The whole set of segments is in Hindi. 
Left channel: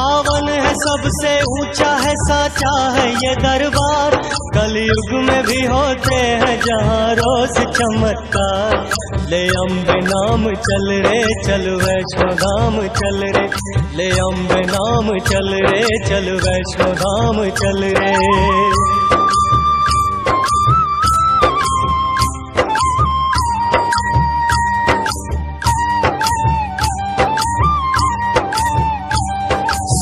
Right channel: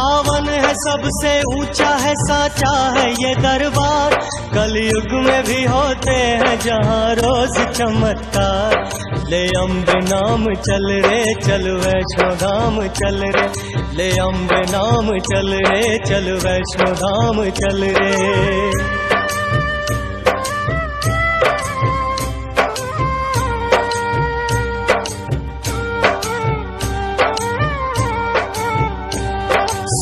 पावन है सबसे ऊंचा है साचा है ये दरबार। कलयुग में भी होते हैं जहाँ रोज चमत्कार। ले अम्बे नाम चल रे चल वैष्णो धाम चल रे, ले अम्बे नाम चल रे चल वैष्णो धाम चल रे।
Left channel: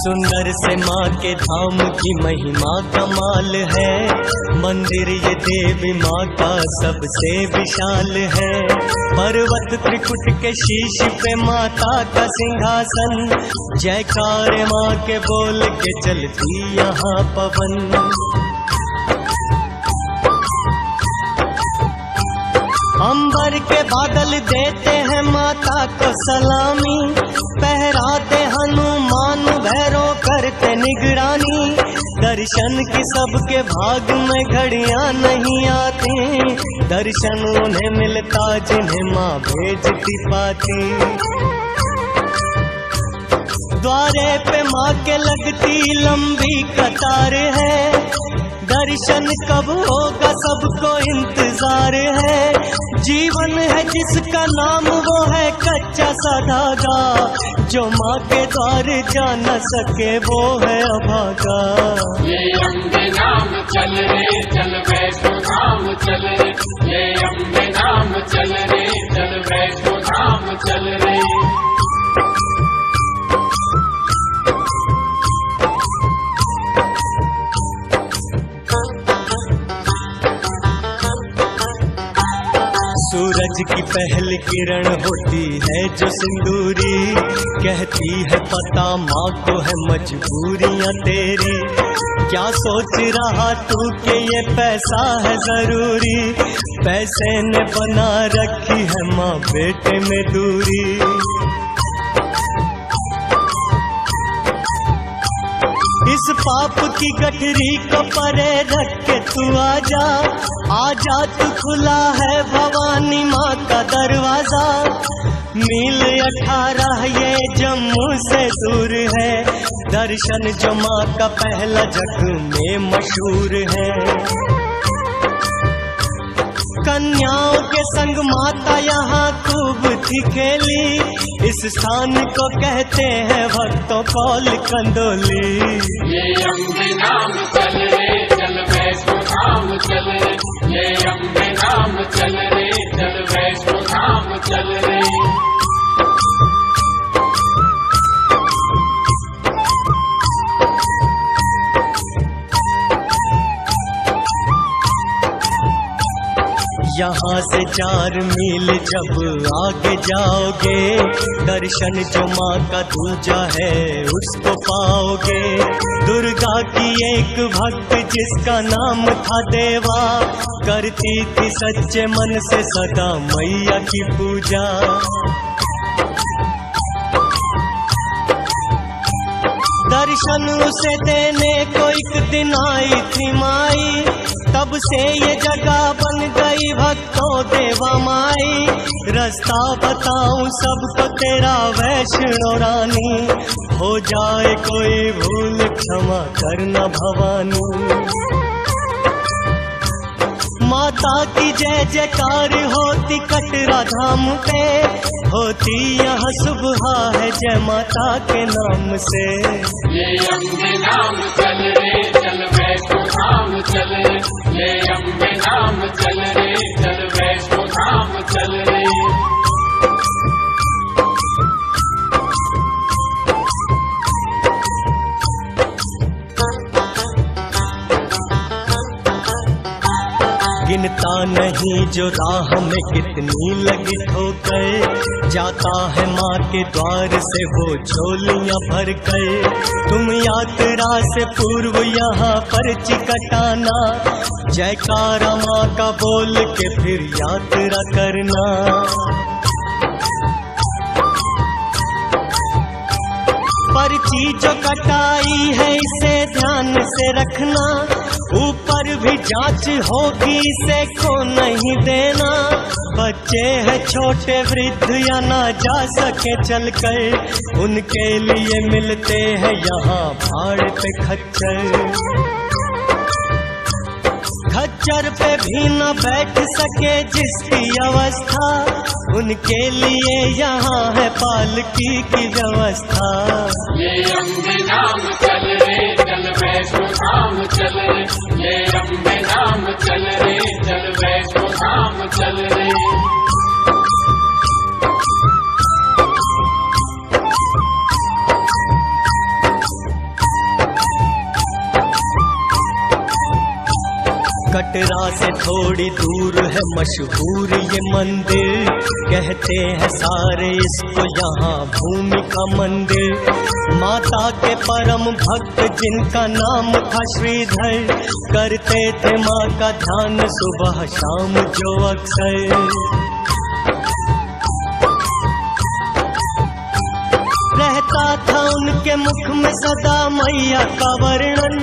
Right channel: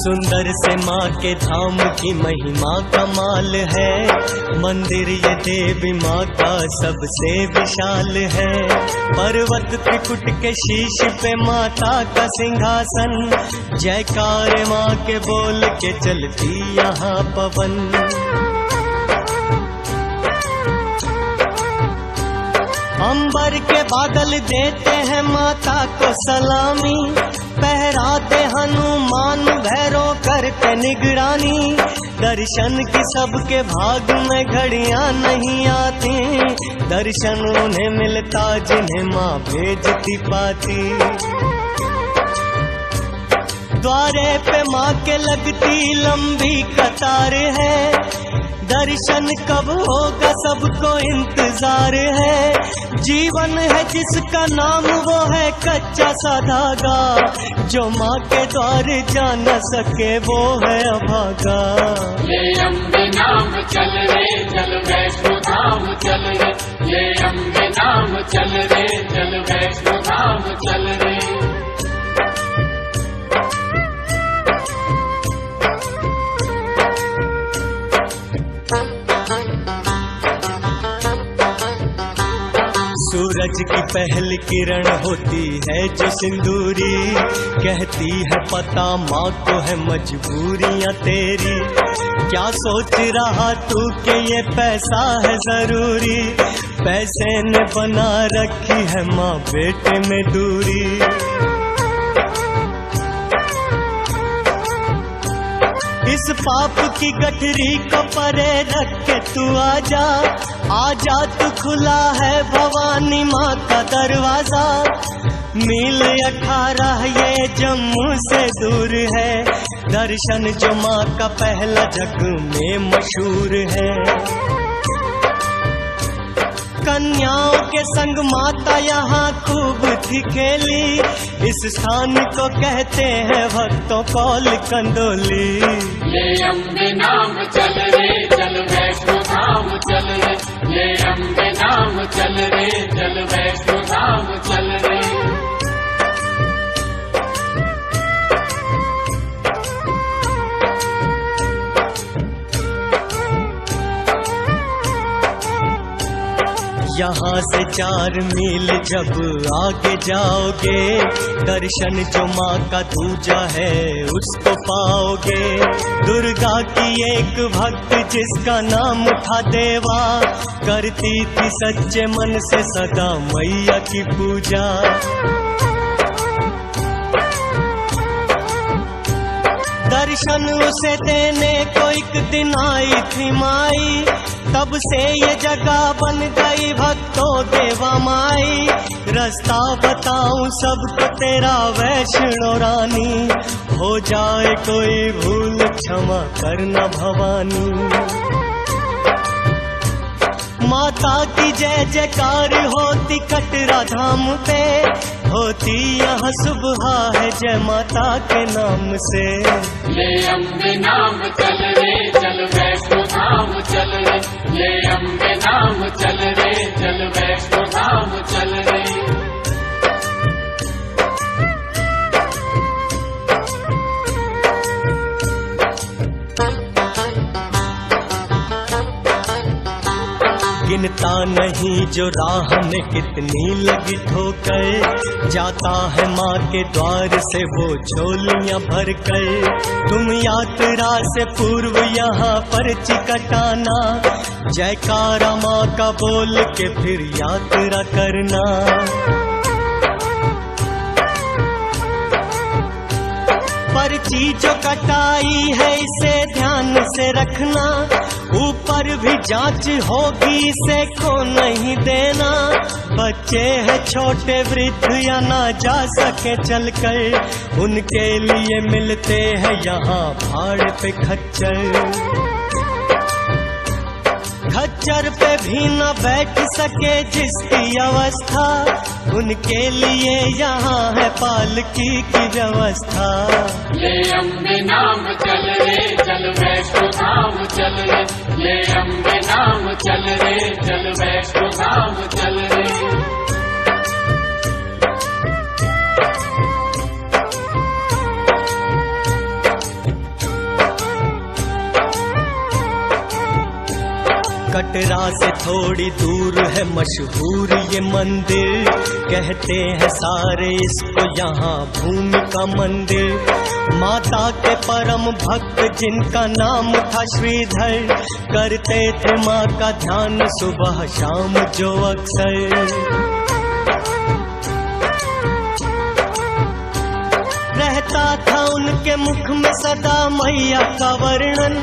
सुंदर से माँ के धाम की महिमा कमाल है। मंदिर ये देवी माँ का सबसे विशाल है। पर्वत त्रिकुट के शीश पे माता का सिंहासन। जयकार माँ के बोल के चलती यहाँ पवन। अंबर के बादल देते हैं माता को सलामी। पहराते हनुमान भैरव करते निगरानी। दर्शन की सबके भाग में घड़ियां नहीं आती। दर्शन उन्हें मिलता जिन्हें माँ भेजती पाती। द्वारे पे माँ के लगती लंबी कतार है। दर्शन कब होगा सबको इंतजार है। जीवन है जिसका नाम वो है कच्चा सा धागा। जो माँ के द्वार जा न सके वो है अभागा। ये अम्बे नाम चल रे चल वैष्णो धाम चल रे, ये अम्बे नाम चल रे चल वैष्णो धाम चल रे। सूरज की पहली किरण होती है जो सिंदूरी। कहती है पता माँ को है मजबूरियाँ तेरी। क्या सोच रहा तू कि ये पैसा है जरूरी। पैसे ने बना रखी है माँ बेटे में दूरी। इस पाप की गठरी को परे रख के तू आजा। आजा तू खुला है भवानी माँ का दरवाजा। मील 18 ये जम्मू से दूर है। दर्शन जो माँ का पहला जग में मशहूर है। कन्याओं के संग माता यहाँ खूब थी खेली। इस स्थान को कहते हैं भक्तों कौल कंदोली। ये अम्बे नाम चल रे चल वैष्णो धाम चल रे, ये अम्बे नाम चल रे चल वैष्णो धाम चल रे। यहाँ से 4 मील जब आगे जाओगे। दर्शन जो माँ का दूजा है उसको पाओगे। दुर्गा की एक भक्त जिसका नाम था देवा। करती थी सच्चे मन से सदा मैया की पूजा। दर्शन उसे देने को एक दिन आई थी माई। तब से ये जगह बन गई भक्तों देवा माई। रास्ता बताऊं सबको तेरा वैष्णो रानी। हो जाए कोई भूल क्षमा करना भवानी। माता की जय जयकार होती कटरा धाम पे। होती यहाँ सुबह है जय माता के नाम से। ये अम्बे नाम चल रे चल वैष्णो धाम चल रे, ये अम्बे नाम चल रे चल वैष्णो धाम चल रे। गिनता नहीं जो राह में कितनी लगी ठोकर। जाता है माँ के द्वार से वो झोलियाँ भर कर। तुम यात्रा से पूर्व यहाँ पर्ची कटाना। जयकारा माँ का बोल के फिर यात्रा करना। पर्ची जो कटाई है इसे ध्यान से रखना, ऊपर भी जांच होगी इसे को नहीं देना। बच्चे हैं छोटे वृद्ध या ना जा सके चलकर, उनके लिए मिलते हैं यहाँ भाड़ पे खच्चर। खच्चर पे भी न बैठ सके जिसकी अवस्था, उनके लिए यहाँ है पालकी की व्यवस्था। ये अम्बे नाम चल रे चल वैष्णो धाम चल रे, ये अम्बे नाम चल रे चल वैष्णो धाम चल रे। कटरा से थोड़ी दूर है मशहूर ये मंदिर, कहते हैं सारे इसको यहाँ भूमिका मंदिर। माता के परम भक्त जिनका नाम था श्रीधर, करते थे माँ का ध्यान सुबह शाम जो अक्सर। रहता था उनके मुख में सदा मैया का वर्णन,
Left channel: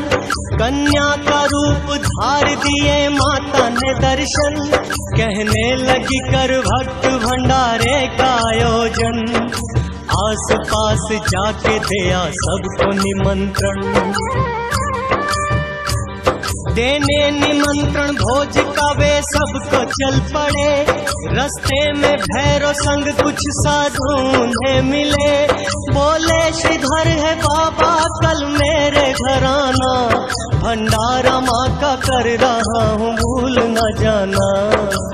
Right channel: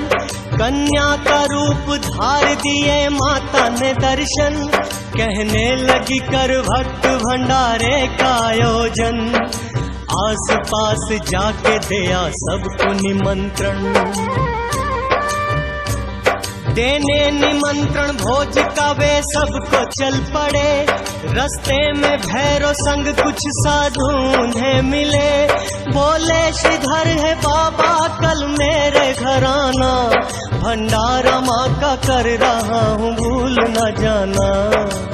कन्या का रूप धार दिए माता ने दर्शन। कहने लगी कर भक्त भंडारे का आयोजन, आस पास जाके दिया सबको निमंत्रण। देने निमंत्रण भोज का वे सबको चल पड़े, रस्ते में भैरव संग कुछ साधु उन्हें मिले। बोले श्रीधर है बाबा कल मेरे घर आना, भंडारा माँ का कर रहा हूँ भूल न जाना।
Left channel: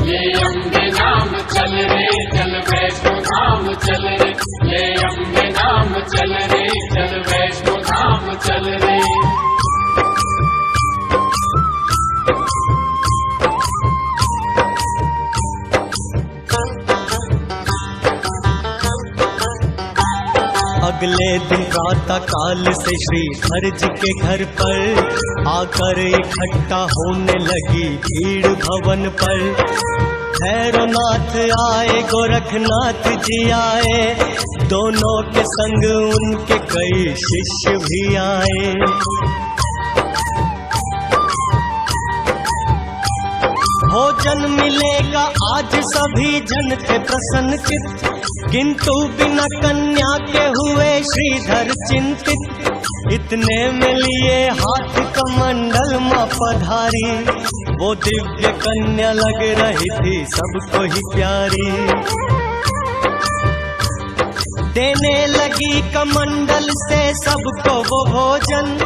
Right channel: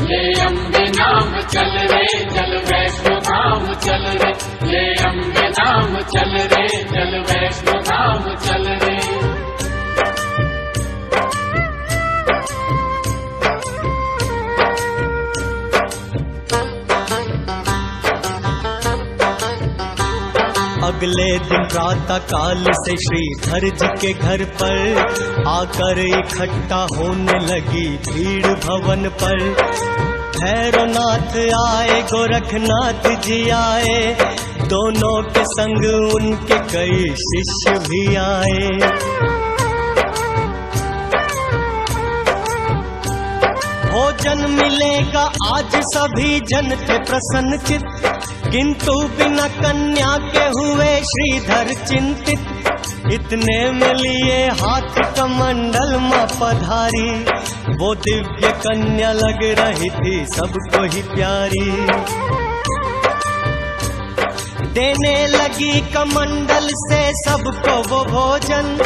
ये अम्बे नाम चल रे चल वैष्णो धाम चल रे, ये अम्बे नाम चल रे चल वैष्णो धाम चल रे। अगले दिन प्रातः काल से श्रीधर जी के घर पर आकर इकट्ठा होने लगी भीड़ भवन पर। भैरवनाथ आए गोरखनाथ जी आए, दोनों के संग उनके कई शिष्य भी आए। भोजन मिलेगा आज सभी जन थे प्रसन्न चित्त, किंतु बिना कन्या के हुए श्रीधर चिंतित। इतने में लिए हाथ कमंडल मां पधारी, वो दिव्य कन्या लग रही थी सबको ही प्यारी। देने लगी कमंडल से सबको वो भोजन,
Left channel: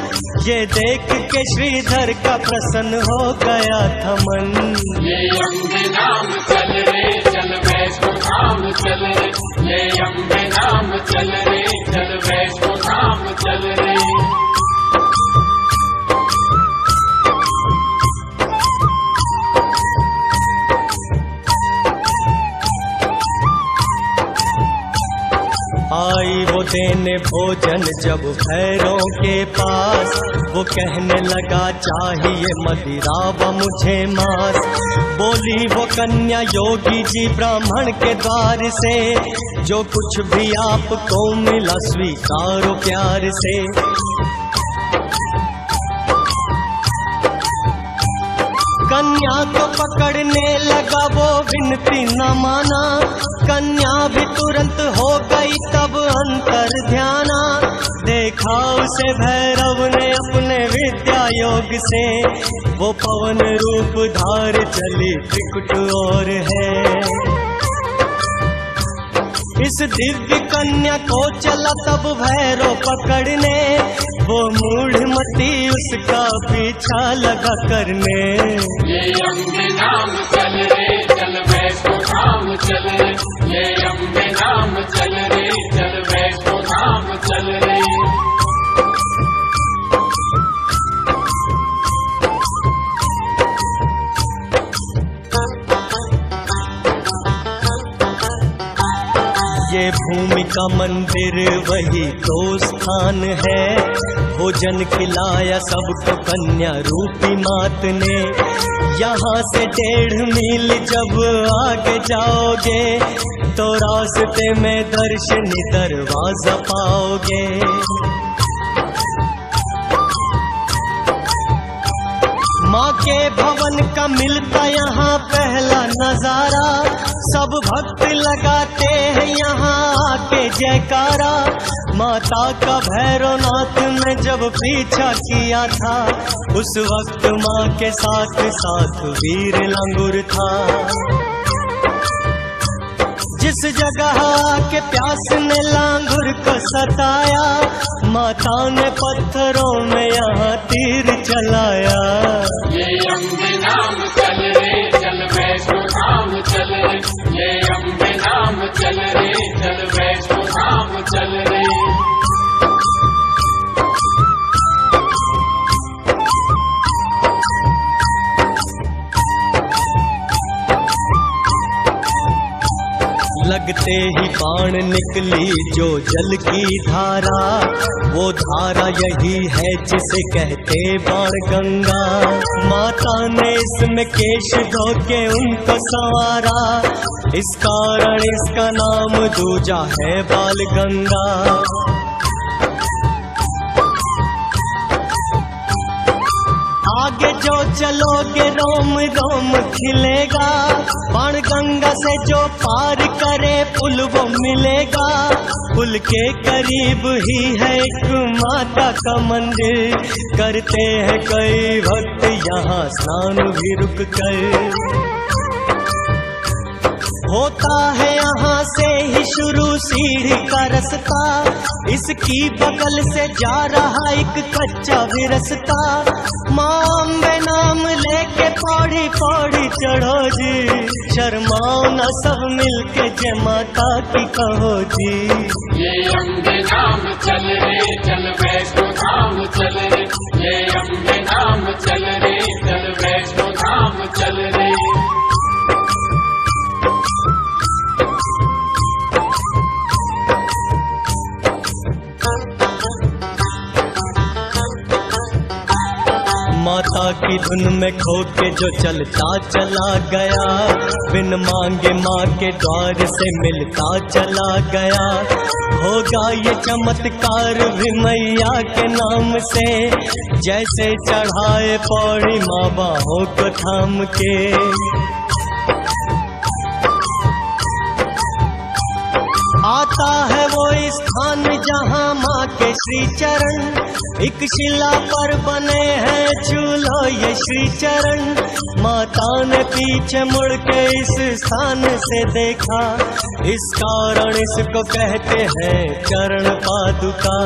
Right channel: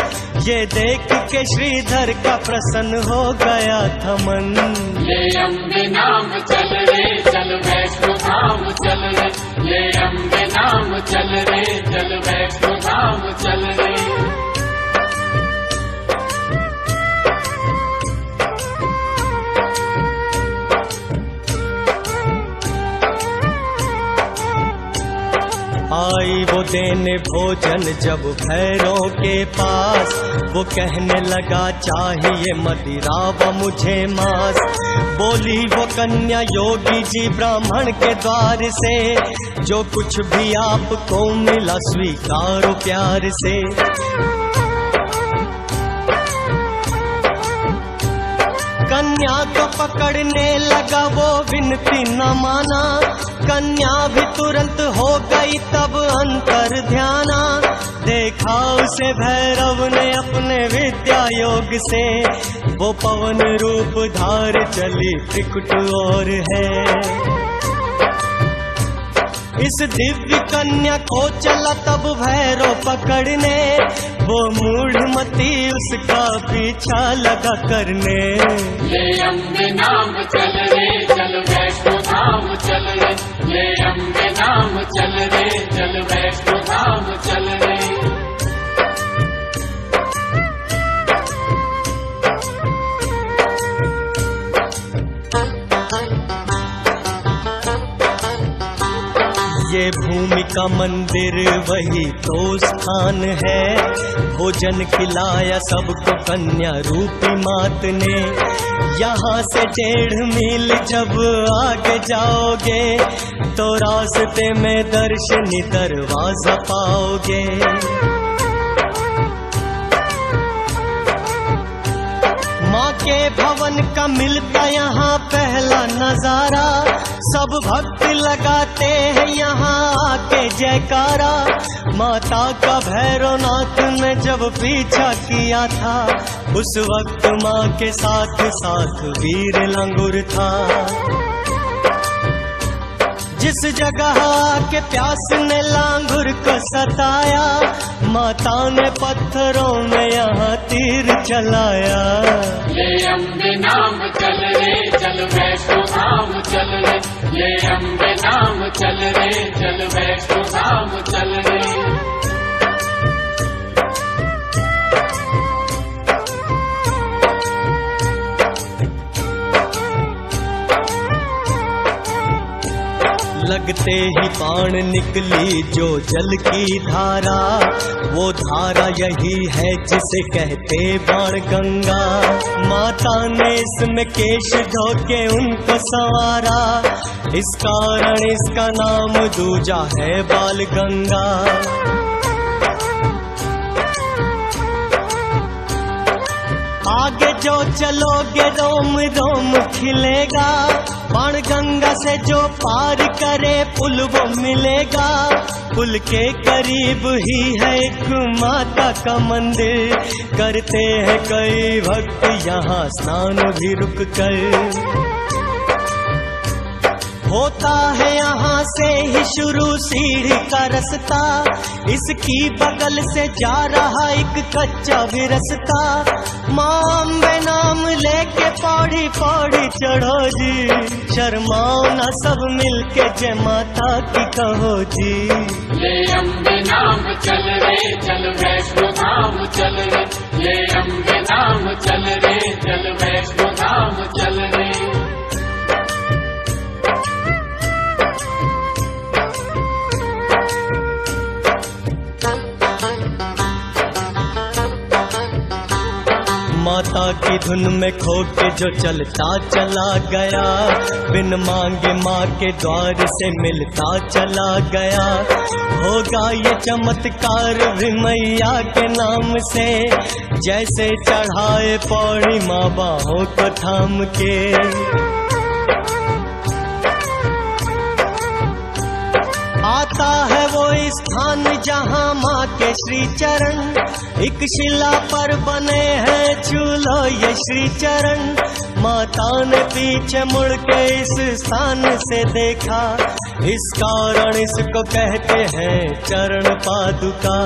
ये देख के श्रीधर का प्रसन्न हो गया था मन। ये अम्बे नाम चल रे चल वैष्णो धाम चल रे, ये अम्बे नाम चल रे चल वैष्णो धाम चल रे। आई वो देने भोजन जब भैरों के पास, वो कहने लगा चाहिए मदिरा व मुझे मांस। बोली वो कन्या योगी जी ब्राह्मण के द्वार से, जो कुछ भी आपको मिला स्वीकारो प्यार से। कन्या को पकड़ने लगा वो विनती न माना, कन्या भी तुरंत हो गई तब अंतर ध्याना। देखा उसे भैरव ने अपने विद्या योग से, वो पवन रूप धार चली त्रिकुट और है। इस दिव्य कन्या को चला तब भैरव पकड़ने, वो मूढ़मती उसका पीछा लगा करने। ये अम्बे नाम चल रे चल वैष्णो धाम चल रे, ये अम्बे नाम चल रे चल वैष्णो धाम चल रे। ये भूमि का मंदिर वही तो स्थान है, भोजन खिलाया सबको कन्या रूपी मात ने। यहाँ से 1.5 मील जब आगे जाओगे, तो रास्ते में दर्शनी दरवाजा पाओगे। माँ के भवन का मिलता यहाँ पहला नजारा, सब भक्त लगाते हैं यहाँ आके जयकारा। माता का भैरवनाथ ने जब पीछा किया था, उस वक्त माँ के साथ साथ वीर लंगूर था। जिस जगह के प्यास ने लांगुर को सताया, माता ने पत्थरों में यहाँ तीर चलाया। ये अम्बे नाम चल रे चल वैष्णो धाम चल रे, ये अम्बे नाम चल रे चल वैष्णो धाम चल रे। लगते ही बाण निकली जो जल की धारा, वो धारा यही है जिसे कहते बाण गंगा। माता ने इसमें केश धो के उनको संवारा, इस कारण इसका नाम दूजा है बाल गंगा। आगे जो चलोगे रोम रोम खिलेगा, बाण गंगा से जो पार करे पुल वो मिलेगा। पुल के करीब ही है एक माता का मंदिर, करते हैं कई भक्त यहाँ स्नान भी रुक कर। होता है यहाँ से ही शुरू सीढ़ी का रास्ता, इसकी बगल से जा रहा एक कच्चा भी रास्ता। माँ अम्बे नाम लेके पौड़ी पौड़ी चढ़ो जी, शर्माओ न सब मिलके जय माता की कहो जी। ये अम्बे नाम चल रे चल वैष्णो धाम चल रे, ये अम्बे नाम चल रे चल वैष्णो धाम चल रे। माता की धुन में खो के जो चलता चला गया, बिन मांगे माँ के द्वार से मिलता चला गया। होगा ये चमत्कार भी मैया के नाम से, जैसे चढ़ाए पौड़ी माँ बाहों को थाम के। आता है वो स्थान जहाँ माँ के श्री चरण, एक शिला पर बने हैं झूलो ये श्री चरण। माता ने पीछे मुड़ के इस स्थान से देखा, इस कारण इसको कहते हैं चरण पादुका।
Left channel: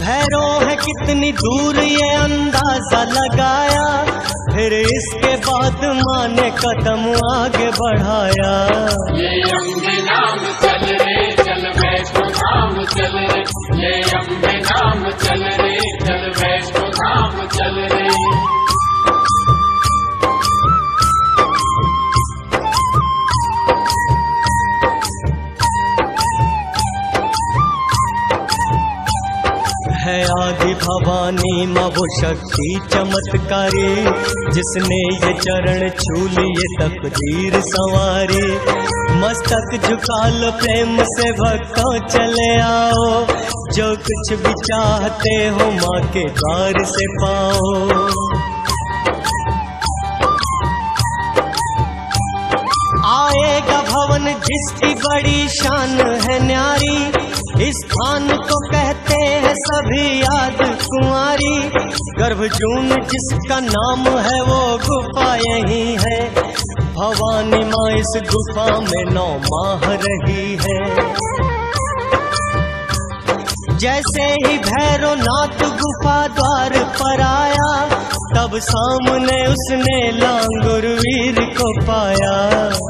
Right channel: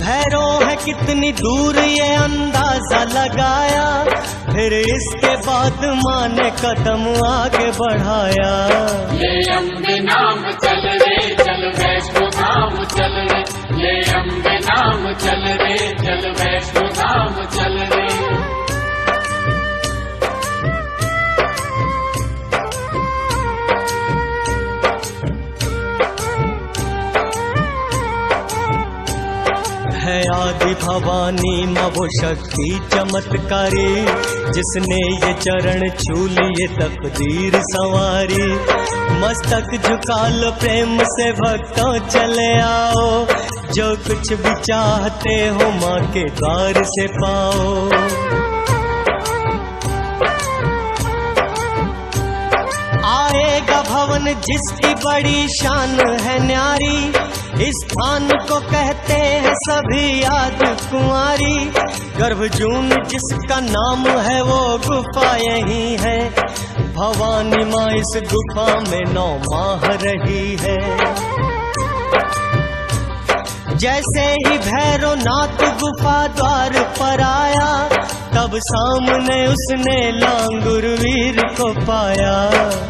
भैरव है कितनी दूर ये अंदाजा लगाया, फिर इसके बाद माँ ने कदम आगे बढ़ाया। ये अम्बे नाम चल रे चल वैष्णो धाम चल रे, ये अम्बे नाम चल रे चल वैष्णो धाम चल रे। है आदि भवानी माँ वो शक्ति चमत्कारी, जिसने ये चरण छू लिए तकदीर संवारी। मस्तक झुका लो प्रेम से भक्तों चले आओ, जो कुछ भी चाहते हो माँ के द्वार से पाओ। आएगा भवन जिसकी बड़ी शान है न्यारी, इस स्थान को कहते हैं सभी याद कुंवारी। गर्भजून जिसका नाम है वो गुफा यही है, भवानी माँ इस गुफा में 9 माह रही है। जैसे ही भैरवनाथ गुफा द्वार पर आया, तब सामने उसने लांगुर वीर को पाया।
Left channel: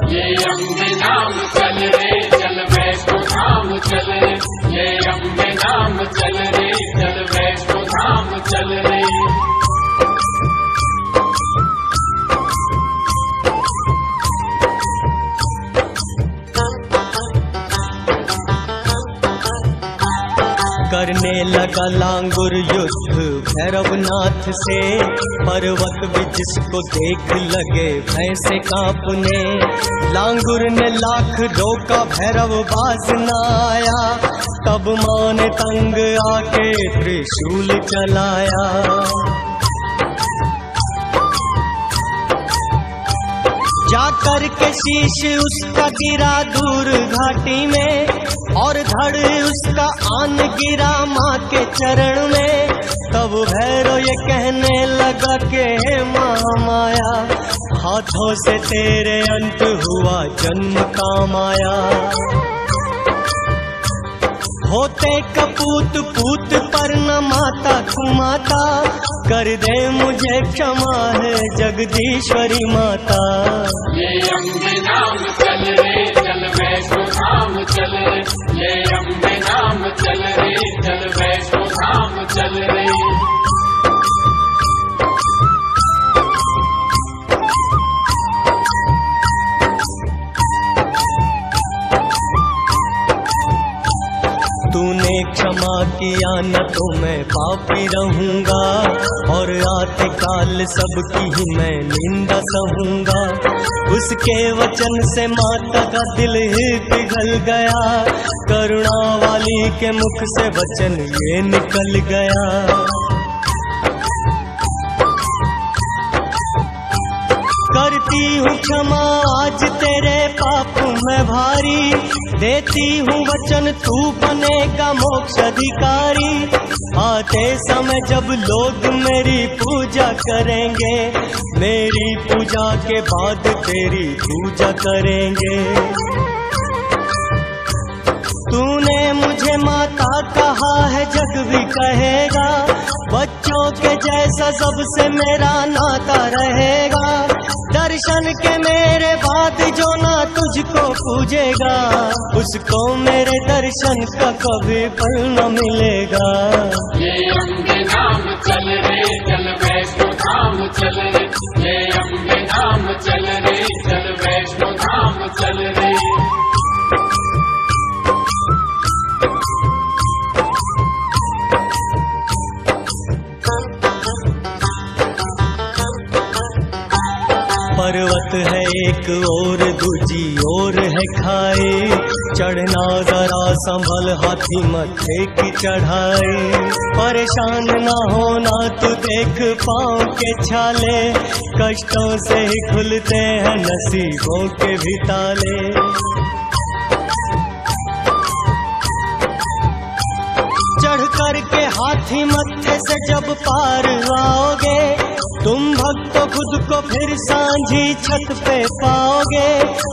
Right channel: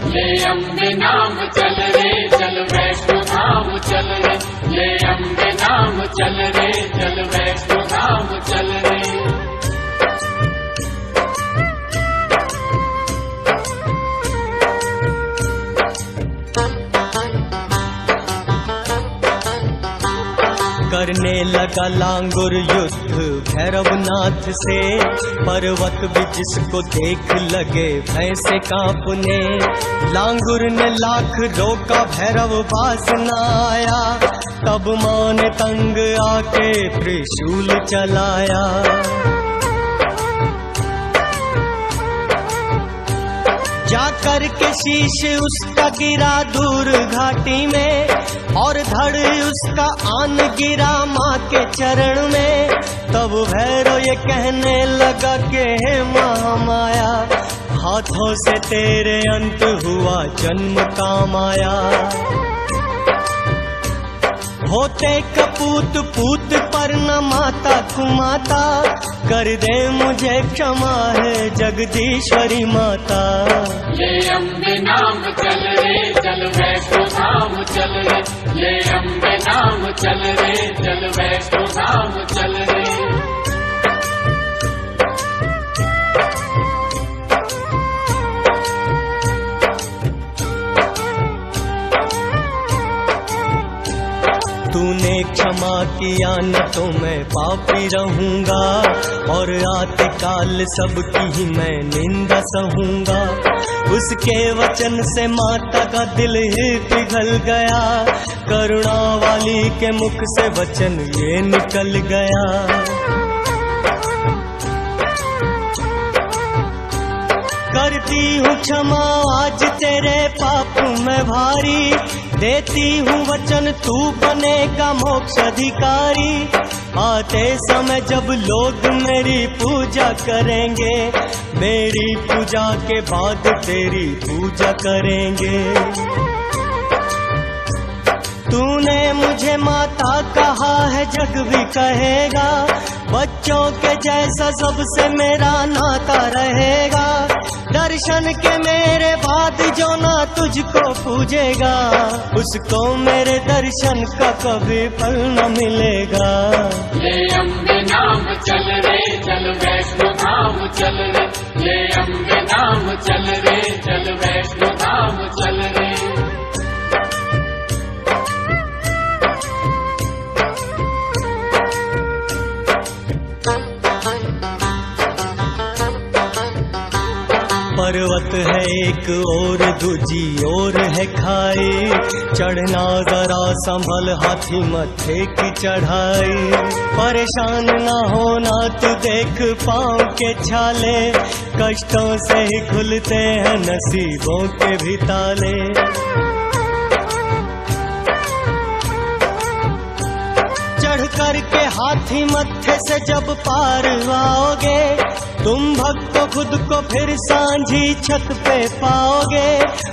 ये अम्बे नाम चल रे चल वैष्णो धाम चल रे, ये अम्बे नाम चल रे चल वैष्णो धाम चल रे। करने लगा लांगुर युद्ध भैरवनाथ से, पर्वत भी जिसको देख लगे भय से कांपने। लांगुर ने लाख रोका भैरव बाज न आया, तब मां ने तंग आके त्रिशूल चलाया। जाकर के शीश उसका गिरा दूर घाटी में, और धड़ उसका आन गिरा माँ के चरण में। तब भैरव ये कहने लगा कि हे महामाया, हाथों से तेरे अंत हुआ जन्म का माया। होते कपूत पूत पर न माता कुमाता, कर दे मुझे क्षमा है जगदीश्वरी माता। ये अम्बे नाम चल रे चल वैष्णो धाम चल रे, ये अम्बे नाम चल रे चल वैष्णो धाम चल रे। तूने क्षमा किया न तो मैं पापी रहूंगा, और आते काल सबकी ही मैं निंदा सहूंगा। उसके वचन से माता का दिल ही पिघल गया, करुणा वाली के मुख से वचन ये निकल गया। करती हूँ क्षमा आज तेरे पाप में भारी, देती हूँ वचन तू बनेगा मोक्ष अधिकारी। आते समय जब लोग मेरी पूजा करेंगे, मेरी पूजा के बाद तेरी पूजा करेंगे। तूने मुझे माता कहा है जग भी कहेगा, बच्चों के जैसा सबसे मेरा नाता रहेगा। दर्शन के मेरे बाद जो ना तुझको पूजेगा, उसको मेरे दर्शन का कभी फल न मिलेगा। ये अम्बे नाम चल रे चल वैष्णो धाम चल रे, ये अम्बे नाम चल रे चल वैष्णो धाम चल रे। पर्वत है एक और दूजी और है खाई, चढ़ना जरा संभल हाथी मत्थे की चढ़ाई। परेशान ना होना तू देख पाँव के छाले, कष्टों से ही खुलते हैं नसीबों के भी ताले। चढ़ कर के हाथी मत्थे से जब पार आओगे, तुम भक्तों खुद को फिर सांझी छत पे पाओगे।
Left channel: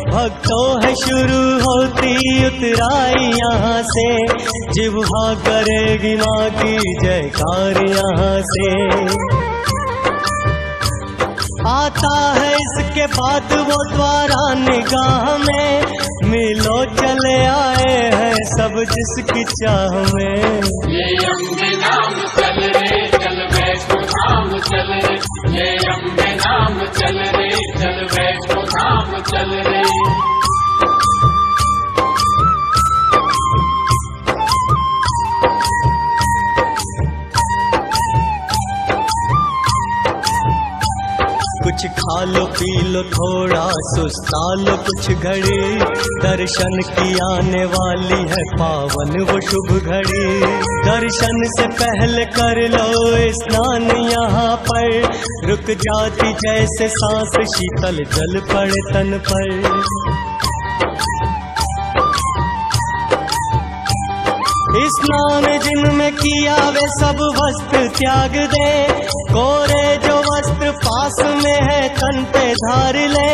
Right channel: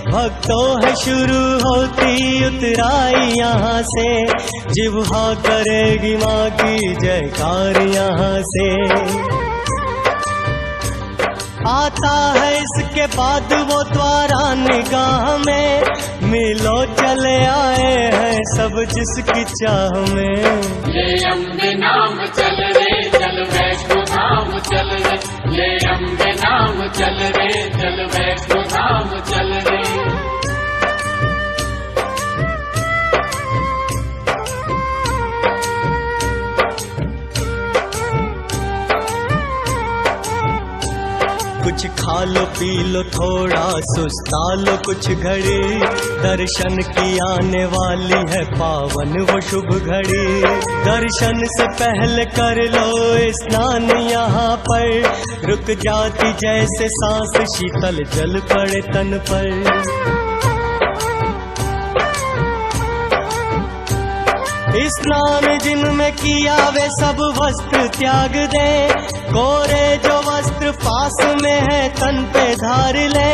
भक्तों है शुरू होती उतराई यहाँ से, जिह्वा करेगी माँ की जयकार यहाँ से। आता है इसके बाद वो द्वारा निगाह में, मिलो चले आए हैं सब जिसकी चाह में। ये अम्बे नाम चल रे चल वैष्णो धाम चल रे, ये अम्बे नाम चल रे चल वैष्णो धाम चल रे। कुछ खा लो पी लो थोड़ा सुस्ता लो कुछ घड़ी, दर्शन की आने वाली है पावन वो शुभ घड़ी। दर्शन से पहले कर लो स्नान यहाँ पर, रुक जाती जैसे सांस शीतल जल पड़े तन पर। स्नान जिनमें किया वे सब वस्त्र त्याग दे, कोरे जो वस्त्र पास में है तन पे धार ले।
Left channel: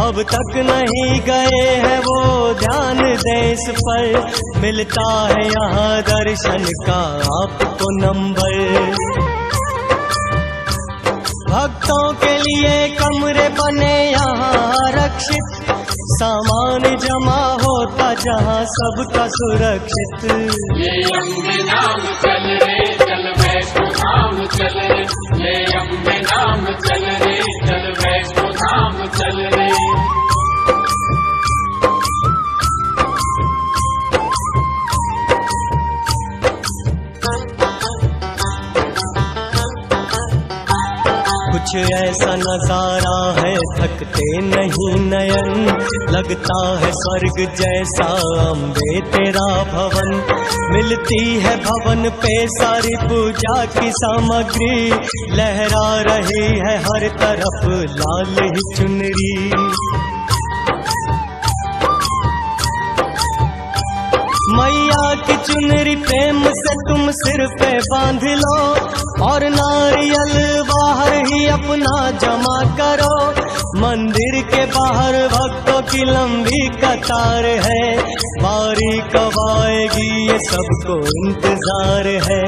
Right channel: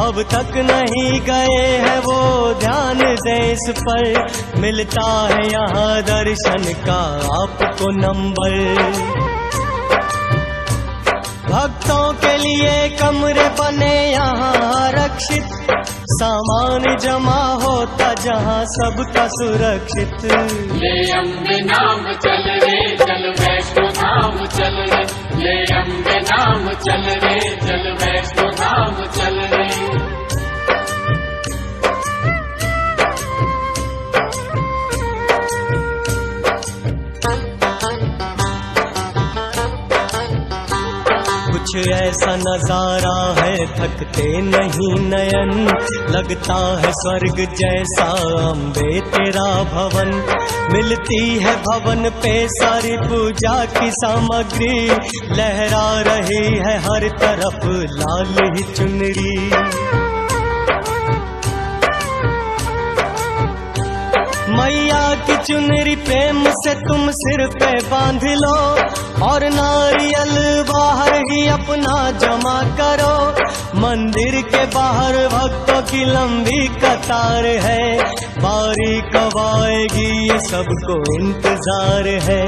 अब तक नहीं गए हैं वो ध्यान दे इस पर, मिलता है यहाँ दर्शन का आपको नंबर। भक्तों के लिए कमरे बने यहाँ आरक्षित, सामान जमा होता जहाँ सबका सुरक्षित। ये अम्बे नाम चल रे चल वैष्णो धाम चल रे, ये अम्बे नाम चल रे चल वैष्णो धाम चल रे। कुछ ऐसा नजारा है थकते नहीं नयन, लगता है स्वर्ग जैसा अम्बे तेरा भवन। मिलती है भवन पे सारी पूजा की सामग्री, लहरा रही है हर तरफ लाल ही चुनरी। मैया की चुनरी प्रेम से तुम सिर पे बांध लो, और नारियल बाहर ही अपना जमा करो। मंदिर के बाहर भक्तों की लंबी कतार है, बारी कब आएगी ये सबको इंतजार है।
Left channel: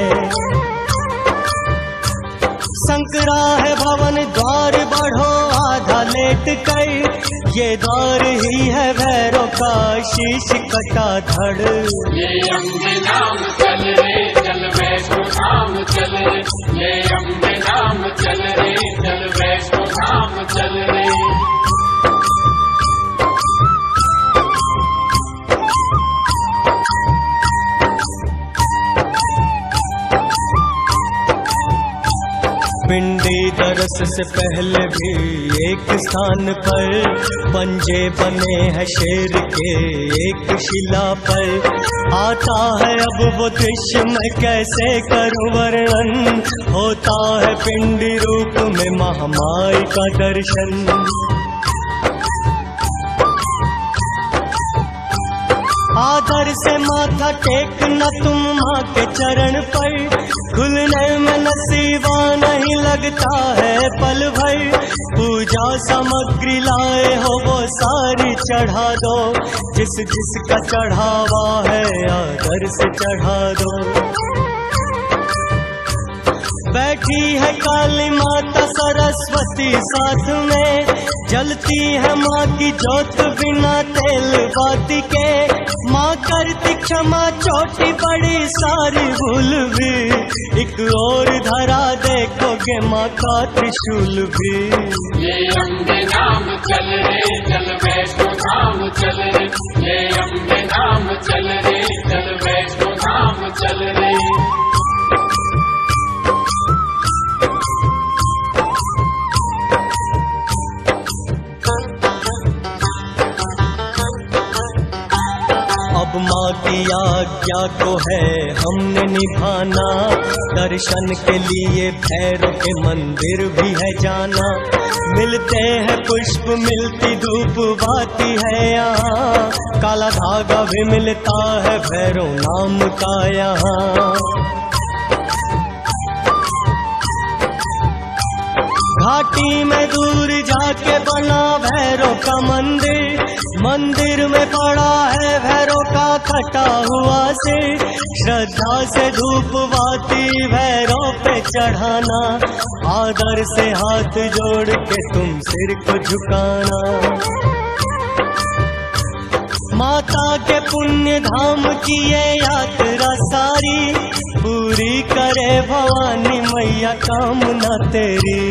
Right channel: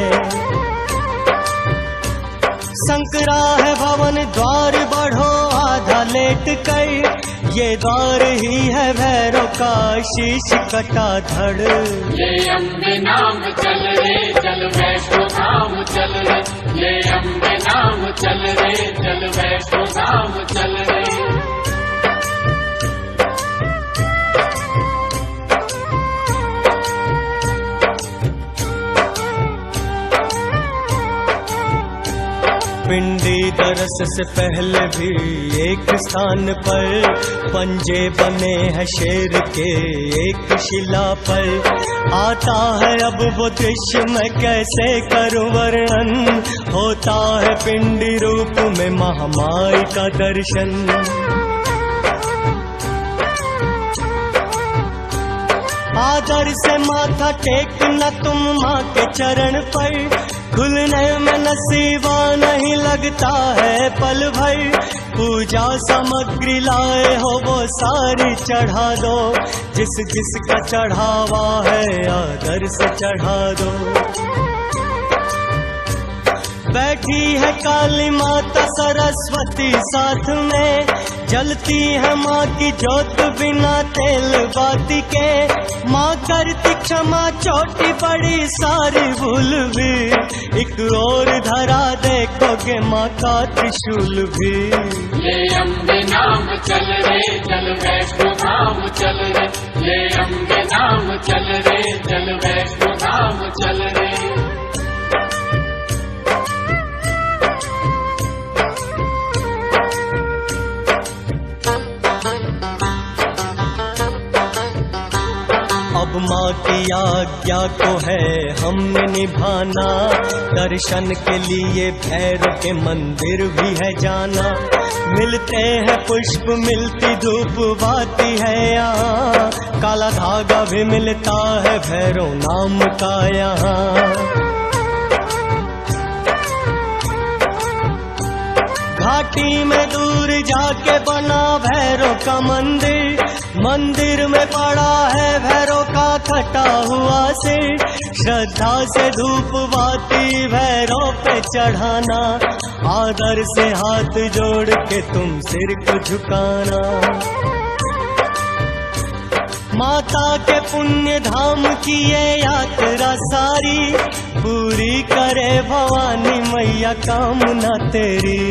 संकरा है भवन द्वार बढ़ो आधा लेट कर, ये द्वार ही है भैरव का शीश कटा धड़। ये अम्बे नाम चल रे चल वैष्णो धाम चल रे, ये अम्बे नाम चल रे चल वैष्णो धाम चल रे। पिंडी दरस से पहले भी एक स्थान पर पंजे बने हैं शेर के एक शिला पर। आता है अब वो दृश्य मैं कैसे करूं वर्णन, होता है पिंडी रूप में महामाई का दर्शन। आदर से माथा टेकना तुम माँ के चरण पर, खुलने में नसीबा नहीं लगता है पल भर। पूजा सामग्री लाए हो वो सारी चढ़ा दो, जिस जिसका चढ़ावा है आदर से चढ़ा दो। बैठी है काली माता सरस्वती साथ में, जलती है माँ की जोत बिना तेल बाती के। माँ करती क्षमा छोटी बड़ी सारी भूल भी, एक और धरा देखोगे माँ का त्रिशूल भी। ये अम्बे नाम चल रे चल वैष्णो धाम चल रे, ये अम्बे नाम चल रे चल वैष्णो धाम चल रे। अब माँ की आज्ञा को है हमने निभाना, दर्शन के लिए भैरव के मंदिर भी है जाना। मिलते हैं पुष्प मिलती धूप बाती है यहाँ, काला धागा भी मिलता है भैरव नाम का यहाँ। घाटी में दूर जाके बना भैरव का मंदिर, मंदिर में पड़ा है भैरव का कटा हुआ सिर। श्रद्धा से धूप बाती भैरव पे चढ़ाना, आदर से हाथ जोड़ के तुम सिर को झुकाना। माता के पुण्य धाम की ये यात्रा सारी, पूरी करे भवानी मैया कामना तेरी।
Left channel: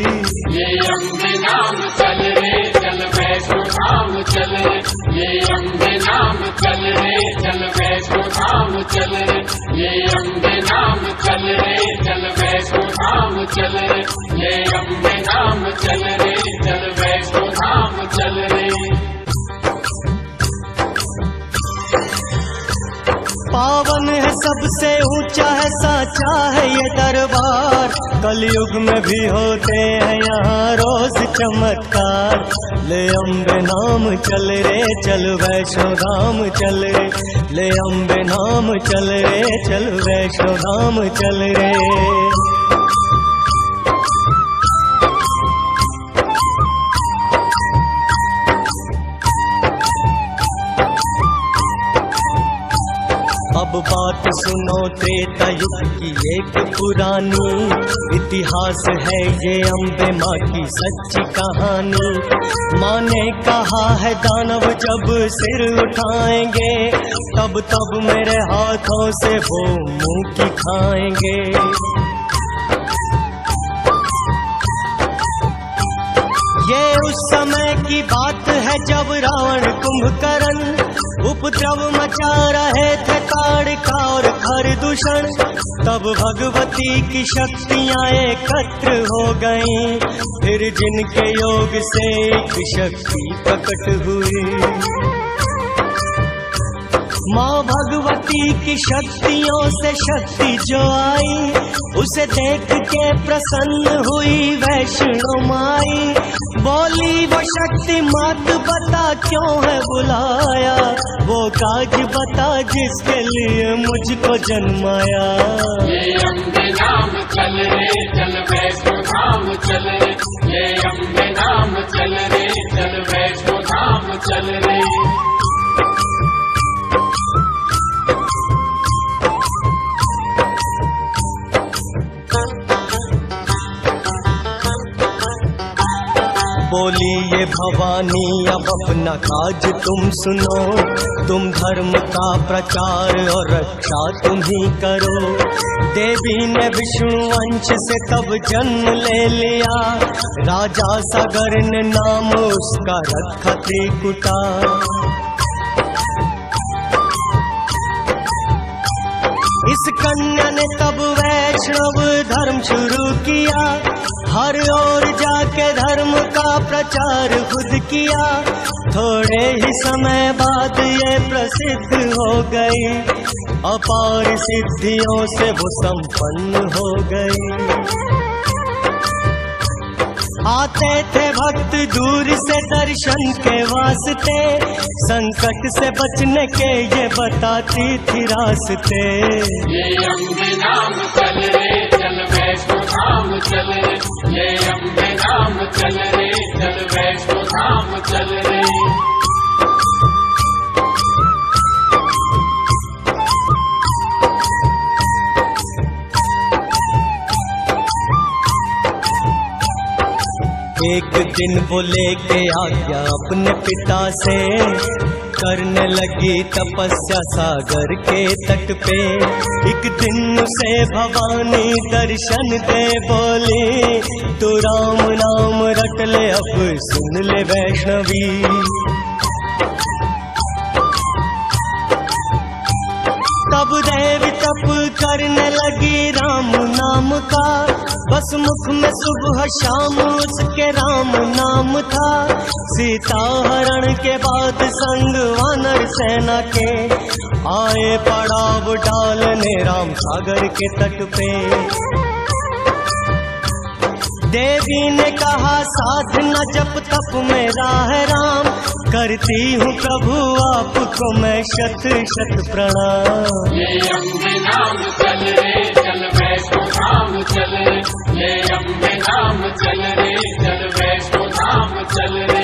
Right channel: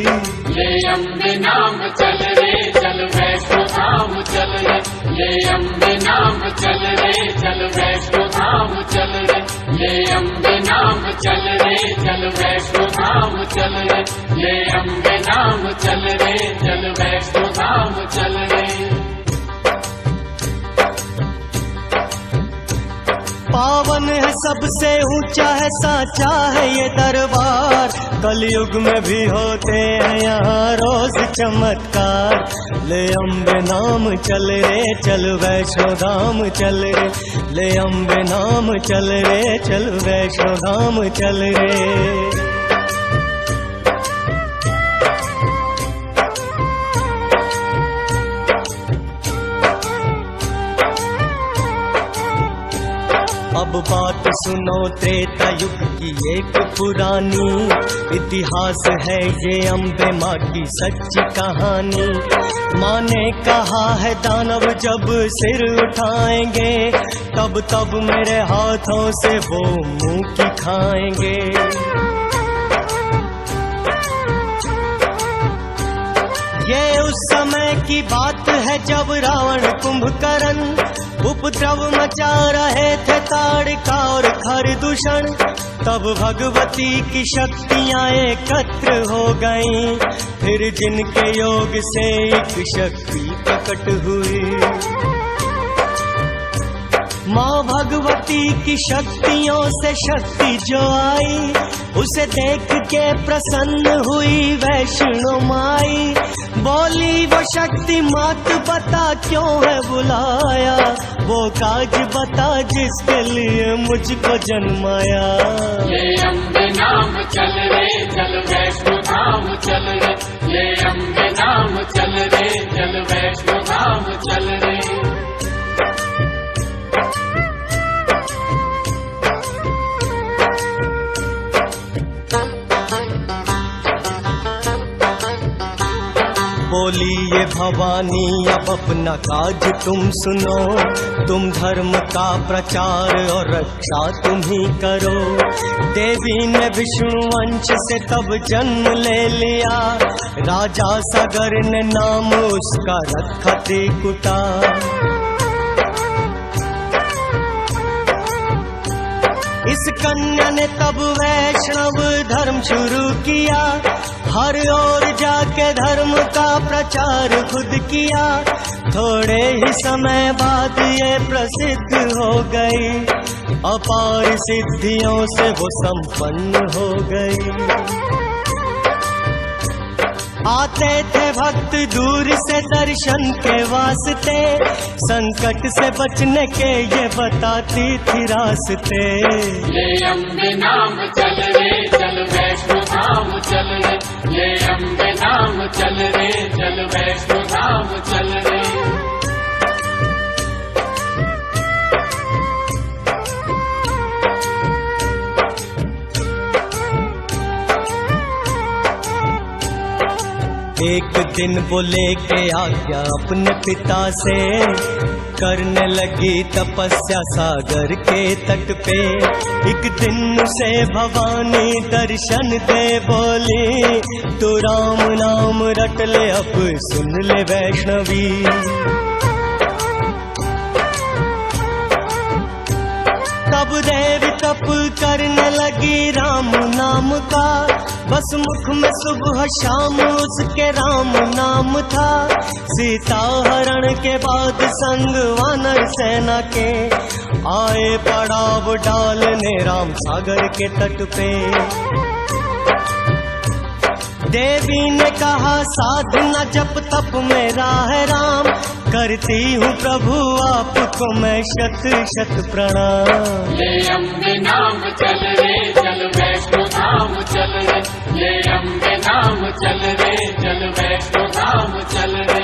ये अम्बे नाम चल रे चल वैष्णो धाम चल रे, ये अम्बे नाम चल रे चल वैष्णो धाम चल रे, ये अम्बे नाम चल रे चल वैष्णो धाम चल रे, ये अम्बे नाम चल रे चल वैष्णो धाम चल रे। पावन है सबसे ऊंचा है साचा है ये दरबार, कलयुग में भी होते हैं यहाँ रोज चमत्कार। ले अम्बे नाम चल रे चल वैष्णो धाम चल रे, ले अम्बे नाम चल रे चल वैष्णो धाम चल रे। अब बात सुनो त्रेता युग की एक पुरानी, इतिहास है ये अम्बे माँ की सच्ची कहानी। माँ ने कहा है दानव जब सिर उठाएंगे, तब तब मेरे हाथों से वो मुंह की खाएंगे। ये उस समय की बात है जब रावण कुंभकर्ण उपद्रव मचा रहे थे ताड़का और खरदूषण, तब भगवती की शक्तियां एकत्र हो गईं, फिर जिनके योग से एक शक्ति प्रकट हुई। माँ भगवती की शक्तियों से शक्ति जो आई, उसे देख के प्रसन्न हुई वैष्णो माई। बोली वो शक्ति मात बता क्यों है बुलाया, वो काज बता जिसके लिए मुझको जन्माया। ये अम्बे नाम चल रे चल वैष्णो धाम चल रे, ये अम्बे नाम चल रे चल वैष्णो धाम चल रे। बोली ये भवानी अब अपना काज तुम सुनो, तुम धर्म का प्रचार और रक्षा तुम ही करो। देवी ने विष्णु वंश से तब जन्म ले लिया, राजा सागर ने नाम उसका रखा त्रिकुटा। इस कन्या ने तब वैष्णव धर्म शुरू किया, हर ओर जाके धर्म का प्रचार खुद किया। थोड़े ही समय बाद ये प्रसिद्ध हो गई, अपार सिद्धियों से वो संपन्न हो गई। आते थे भक्त दूर से दर्शन के वास्ते, संकट से बचने के ये बताती थी रास्ते। ये अम्बे नाम चल रे चल वैष्णो धाम चल रे, ये अम्बे नाम चल रे चल वैष्णो धाम चल रे। एक दिन वो लेके आज्ञा अपने पिता से, करने लगी तपस्या सागर के तट पे। एक दिन उसे भवानी दर्शन दे बोली, तू राम नाम रट ले अब सुन ले वैष्णवी। तब देवी तप करने लगी राम नाम का, बस मुख में सुबह शाम उसके राम नाम था। सीता हरण के बाद संग वानर सेना के, आए पड़ाव डालने राम सागर के तट पे। देवी ने कहा साधना जप तप मेरा है राम, करती हूँ प्रभु आपको मैं शत शत प्रणाम। ये अम्बे नाम चल रे चल वैष्णो धाम चल रे, ये अम्बे नाम चल रे चल वैष्णो धाम चल रे।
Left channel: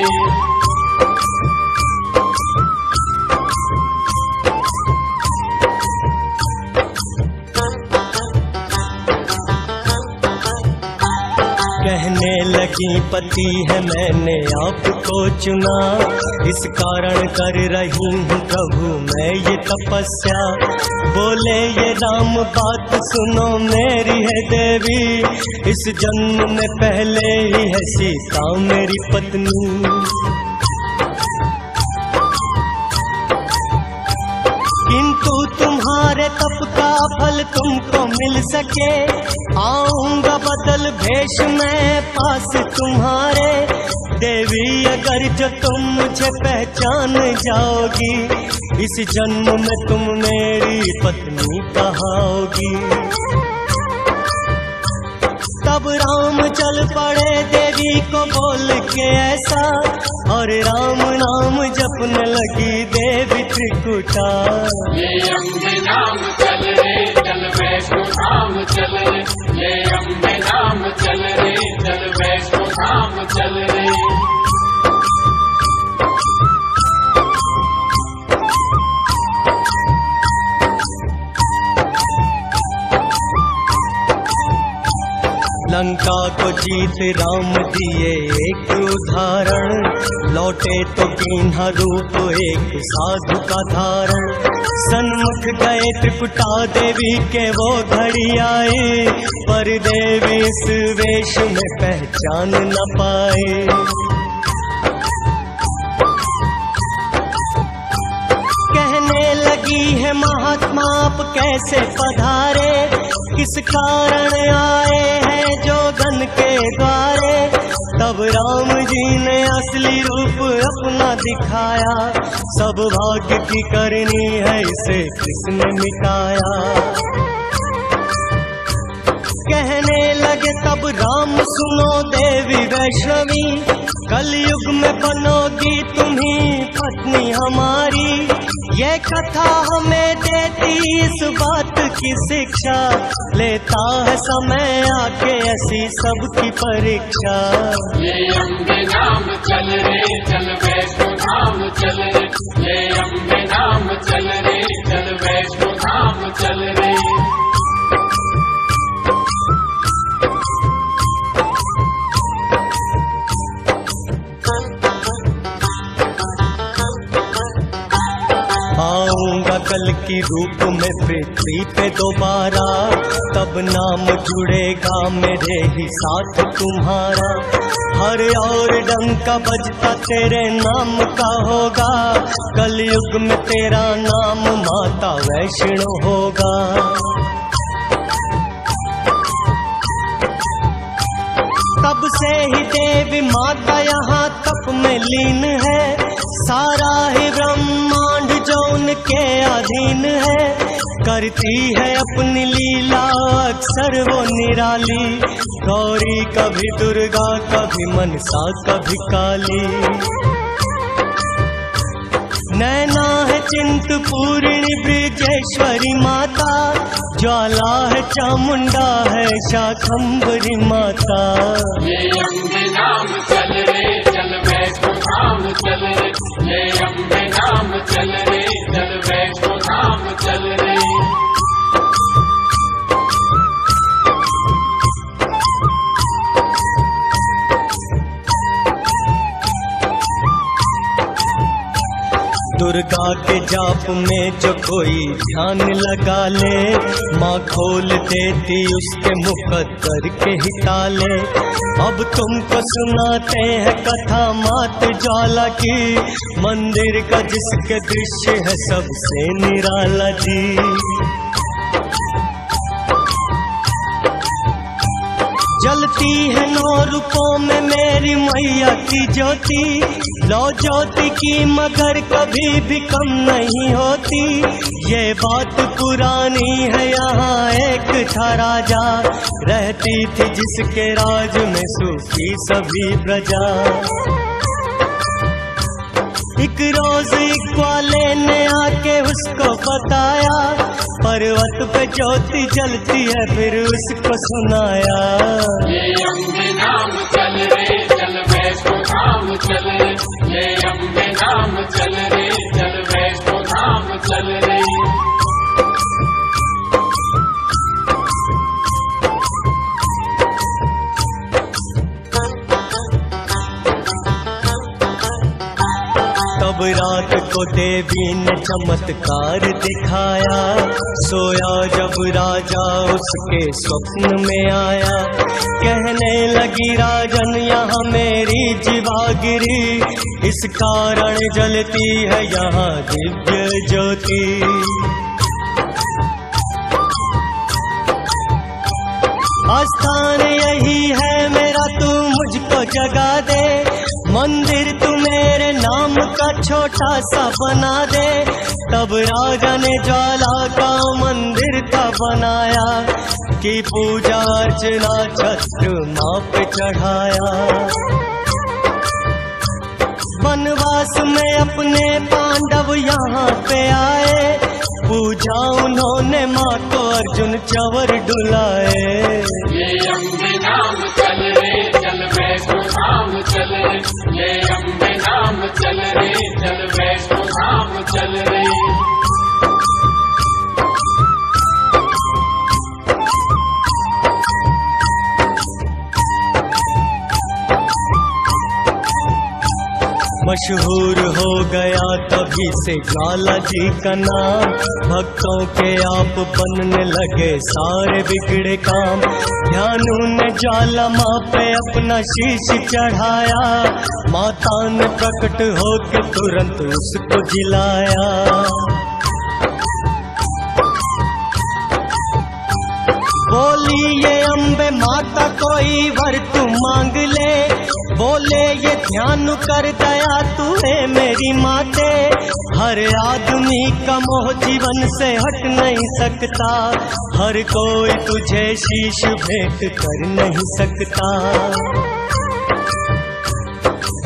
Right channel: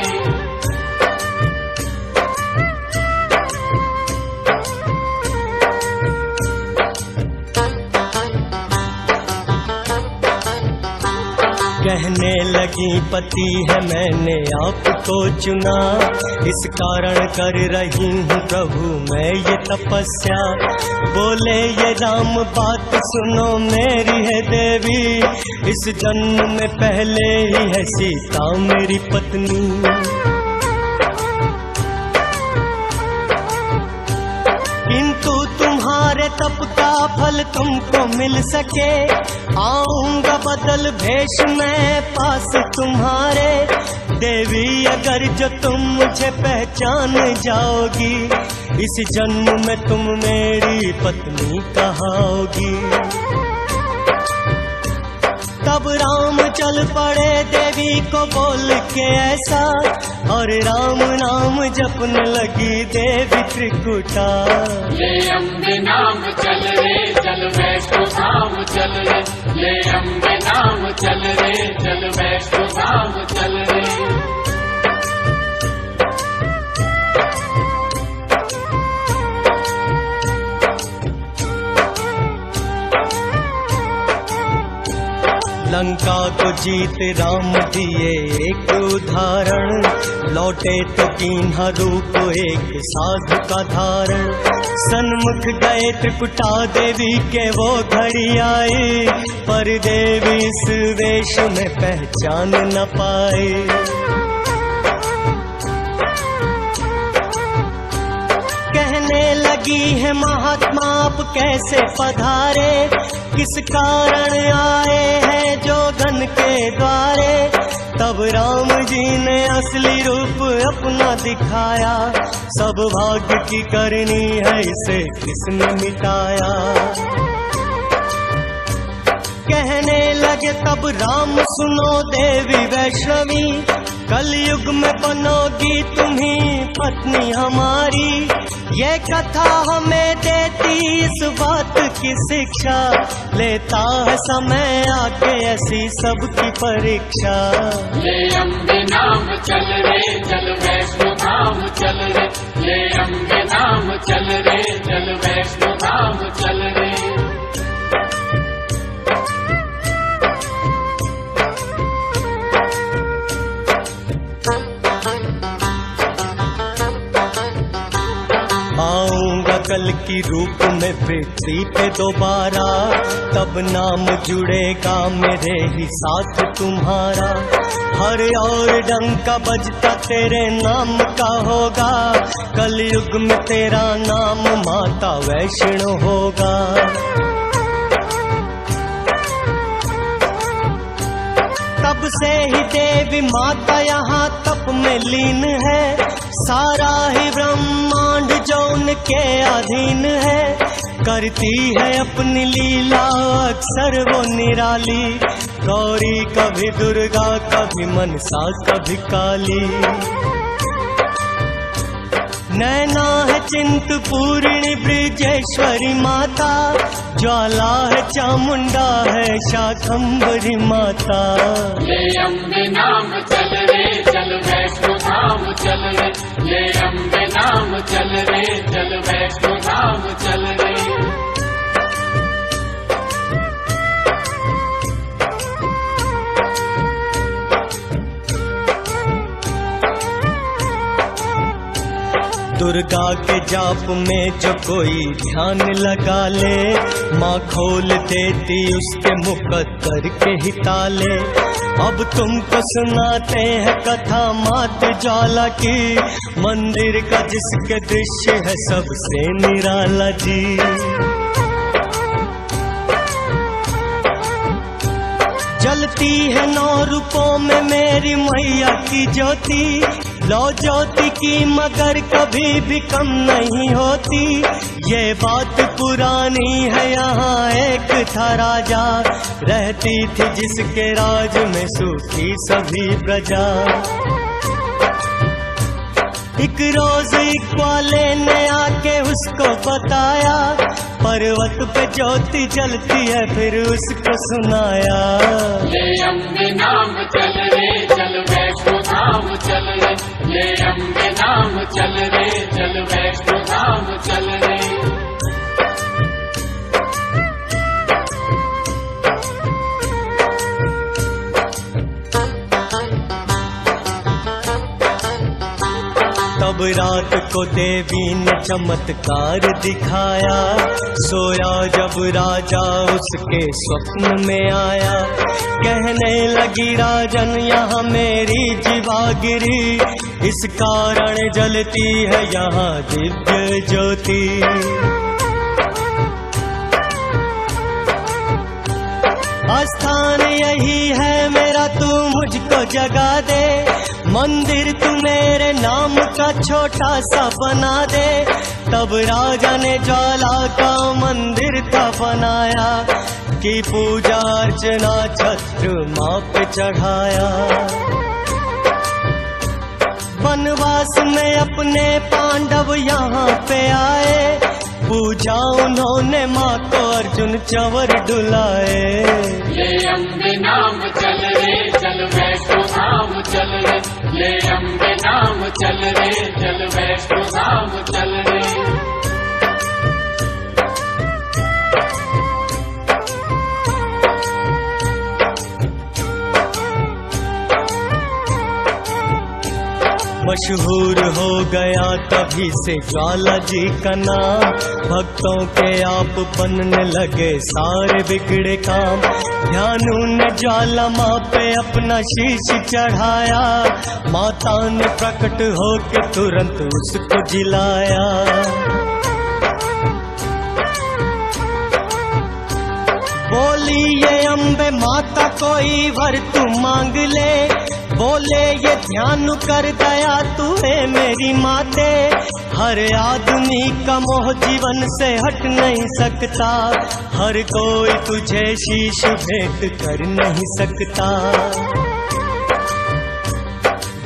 कहने लगी पति है मैंने आपको चुना, इस कारण कर रही हूँ प्रभु मैं ये तपस्या। बोले ये राम बात सुनो मेरी है देवी, इस जन्म में पहले ही है सीता मेरी पत्नी। किंतु तुम्हारे तप का फल तुमको मिल सके, आऊंगा बदल भेष में पास तुम्हारे। देवी अगर जो तुम मुझे पहचान जाओगी, इस जन्म में तुम मेरी पत्नी कहाओगी। तब राम चल पड़े देवी को बोल के ऐसा, और राम नाम जपने लगी देवी त्रिकुटा। ये अम्बे नाम चल रे चल वैष्णो धाम चल रे, ये अम्बे नाम चल रे चल वैष्णो धाम चल रे। लंका को जीत राम दिए एक उदाहरण, लौटे तो कीन्हा रूप एक साधु का धारण। सन्मुख गए त्रिकुटा देवी के वो घड़ी आई, पर देवी इस वेश में पहचान न पाए। लगी है महात्मा आप कैसे पधारे, किस कारण आए हैं जोगन के द्वारे। तब राम जी ने असली रूप अपना दिखाया, सब भाग्य की करनी है इसे किसने मिटाया। कहने लगे तब राम सुनो देवी वैष्णवी, कलयुग में बनोगी तुम्ही पत्नी हमारी। ये कथा हमें देती इस बात की शिक्षा, लेता है समय आके ऐसी सबकी परीक्षा। ये अम्बे नाम चल रे चल वैष्णो धाम चल रे, ये अम्बे नाम चल रे चल वैष्णो धाम चल रे। आऊंगा कल की रूप में पृथ्वी पे दोबारा, तब नाम जुड़ेगा मेरे ही साथ तुम्हारा। हर और डंका बजता तेरे नाम का होगा, कलयुग में तेरा नाम माता वैष्णो होगा। तब से ही देवी माता यहाँ तप में लीन है, सारा ही ब्रह्मांड जो उनके अधीन है। करती है अपनी लीला अक्सर वो निराली, गौरी कभी दुर्गा कभी मनसा कभी काली। नैना है चिंतपूर्णी ब्रजेश्वरी माता, ज्वाला है चामुंडा है शाकंभरी माता। ये अम्बे नाम चल रे चल वैष्णो धाम चल रे, ये अम्बे नाम चल रे चल वैष्णो धाम चल रे। दुर्गा के जाप में जो कोई ध्यान लगा ले, माँ खोल देती उसके मुकद्दर के ही ताले। अब तुमको सुनाते हैं कथा मात ज्वाला की, मंदिर का जिसके दृश्य है सबसे निराला जी। जलती है 9 रूपों में मेरी मैया की ज्योति, लो ज्योति की मगर कभी भी कम नहीं होती। ये बात पुरानी है यहाँ एक था राजा, रहती थी जिसके राज में सुखी सभी प्रजा। एक रोज एक ग्वाले ने आके उसको बताया, पर्वत पे ज्योति जलती है फिर उसको सुनाया। ये अम्बे नाम चल रे चल वैष्णो धाम चल रे, ये अम्बे नाम चल रे चल वैष्णो धाम चल रे। तब रात को देवी ने चमत्कार दिखाया, सोया जब राजा उसके स्वप्न में आया। कहने लगी राजन यहाँ मेरी जीवा गिरी, इस कारण जलती है यहाँ दिव्य ज्योति। आस्थान यही है मेरा, तू मुझको जगा दे, मंदिर तू मेरे नाम का छोटा सा बना दे। तब राजा ने ज्वाला का मंदिर था बनाया, की पूजा अर्चना छत्र माँ पे चढ़ाया। वनवास में अपने पांडव यहाँ पे आए, पूजा उन्होंने माँ को अर्जुन चंवर डुलाए। ये अम्बे नाम चल रे चल वैष्णो धाम चल रे, ये अम्बे नाम चल रे चल वैष्णो धाम चल रे। मशहूर हो गया तभी से ज्वाला जी का नाम, भक्तों के आप बनने लगे सारे बिगड़े काम। ध्यानु ने ज्वाला माँ पे अपना शीश चढ़ाया, माता ने प्रकट होके तुरंत उसको जिलाया। बोली ये अम्बे माता कोई वर तू मांग ले, बोले ये ध्यान कर दया तू है मेरी माते। हर आदमी का मोह जीवन से हट नहीं सकता, हर कोई तुझे शीश भेंट कर नहीं सकता।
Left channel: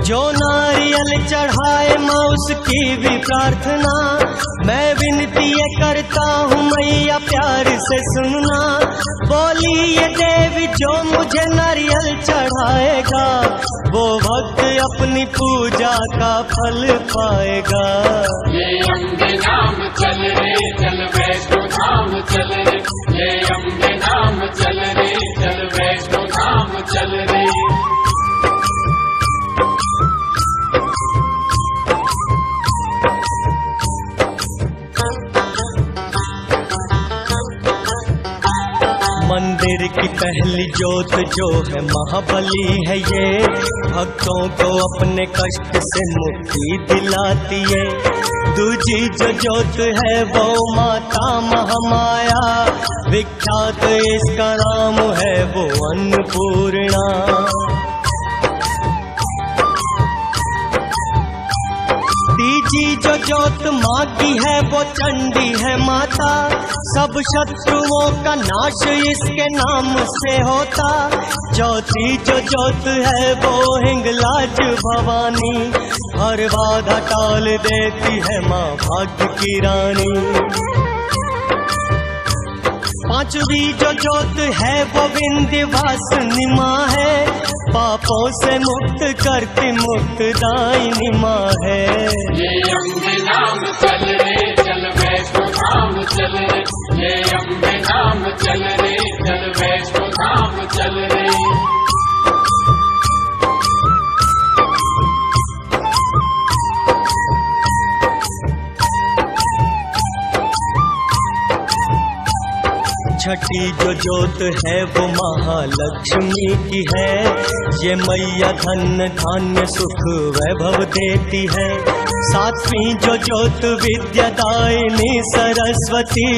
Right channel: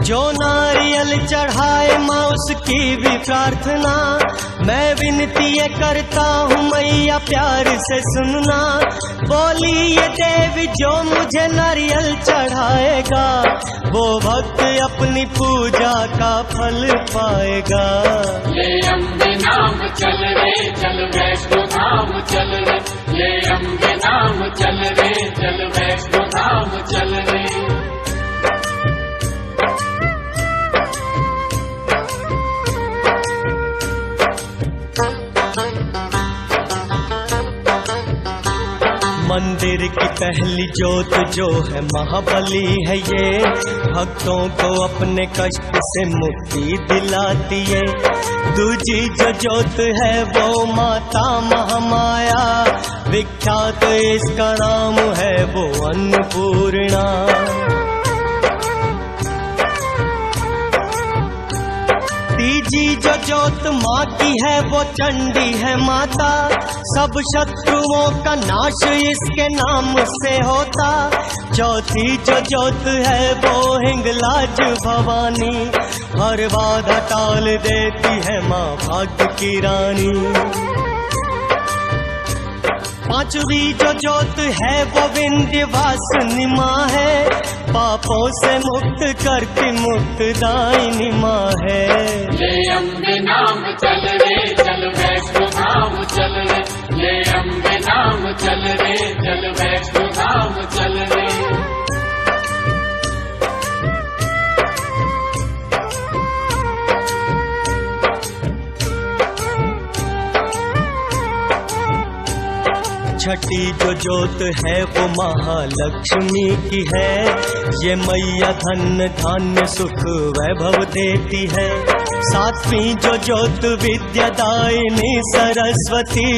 जो नारियल चढ़ाए माँ उसकी भी प्रार्थना, मैं विनती ये करता हूँ मैया प्यार से सुनना। बोली ये देवी जो मुझे नारियल चढ़ाएगा, वो भक्त अपनी पूजा का फल पाएगा। ये अम्बे नाम चल रे चल वैष्णो धाम चल रे, ये अम्बे नाम चल रे चल वैष्णो धाम चल रे। मंदिर की पहली जोत जो है महाबली है ये, भक्तों को अपने कष्ट से मुक्ति दिलाती है। दूजी जो जोत है वो माता महामाया, विख्यात इसका नाम है वो अन्नपूर्णा। तीजी जो जोत माँ की है वो चंडी है माता, सब शत्रुओं का नाश इसके नाम से होता। चौथी जो जोत है वो हिंगलाज भवानी, हर बाधा टाल देती है माँ भाग्य की रानी। पांचवी जो जोत है वो विंध्यवासिनी माँ है, पापों से मुक्त करती मुक्तदायिनी माँ है। ये अम्बे नाम चल रे चल वैष्णो धाम चल रे, ये अम्बे नाम चल रे चल वैष्णो धाम चल रे। छठी जो जोत है वो महालक्ष्मी की है, ये मैया धन धान्य सुख वैभव देती है। सातवीं जो जोत विद्यादायिनी सरस्वती,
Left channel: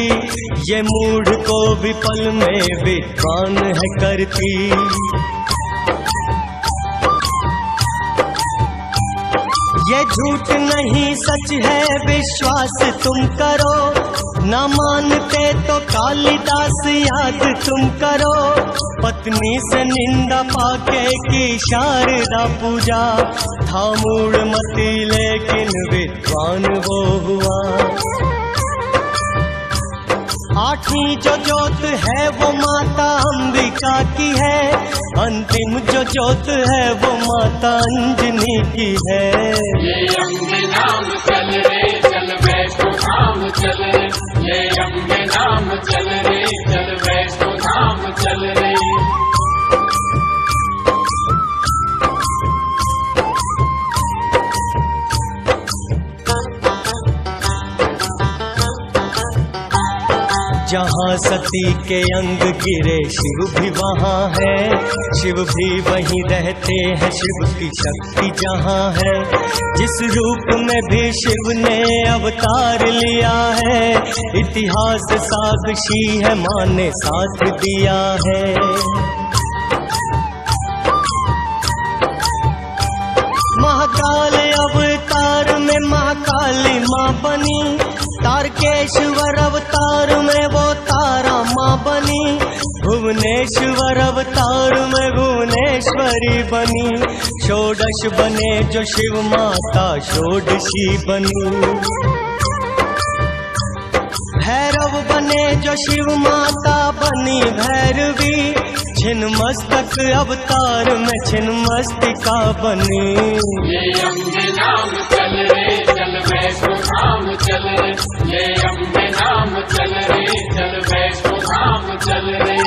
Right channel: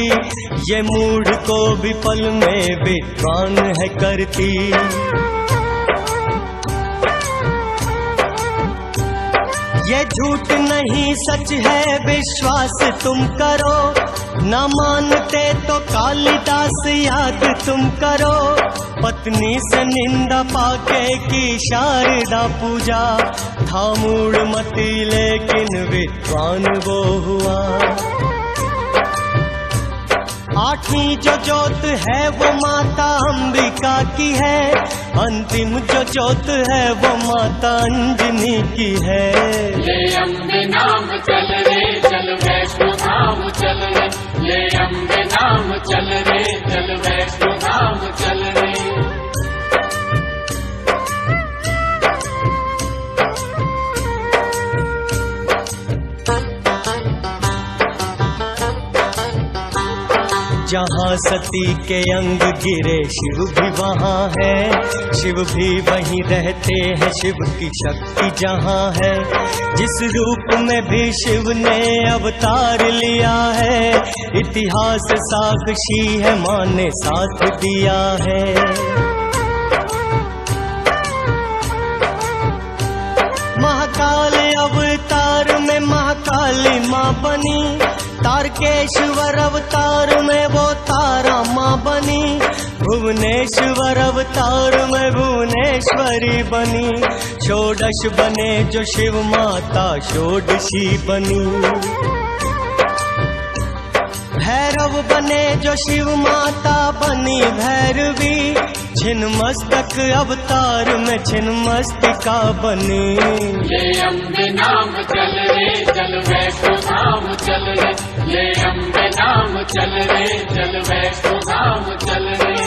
ये मूढ़ को भी पल में विद्वान है करती। ये झूठ नहीं सच है विश्वास तुम करो, न मानते तो कालिदास याद तुम करो। पत्नी से निंदा पाके की शारदा पूजा, था मूढ़मती लेकिन विद्वान वो हुआ। आठवीं जो जोत है वो माता अंबिका की है, अंतिम जो जोत है वो माता अंजनी की है। ये अम्बे नाम चल रे चल वैष्णो धाम चल रे, ये अम्बे नाम चल रे चल वैष्णो धाम चल रे। जहाँ सती के अंग गिरे शिव भी वहाँ है, शिव भी वहीं रहते हैं, शिव की शक्ति जहाँ है। जिस रूप में भी शिव ने अवतार लिया है, इतिहास साक्षी है माँ ने साथ दिया है। महाकाल अवतार में महाकाली माँ बनी, तारकेश्वर अवतार में वो तारा माँ बनी, भुवनेश्वर अवतार में भुवनेश्वरी बनी। षोडश बने जो शिव माता षोडशी बनी, भैरव बने जो शिव माता बनी भैरवी। छिन्नमस्तक अवतार में छिन्नमस्तिका बनी। ये अम्बे नाम चल रे चल वैष्णो धाम चल रे, ये अम्बे नाम चल रे चल वैष्णो धाम चल रे।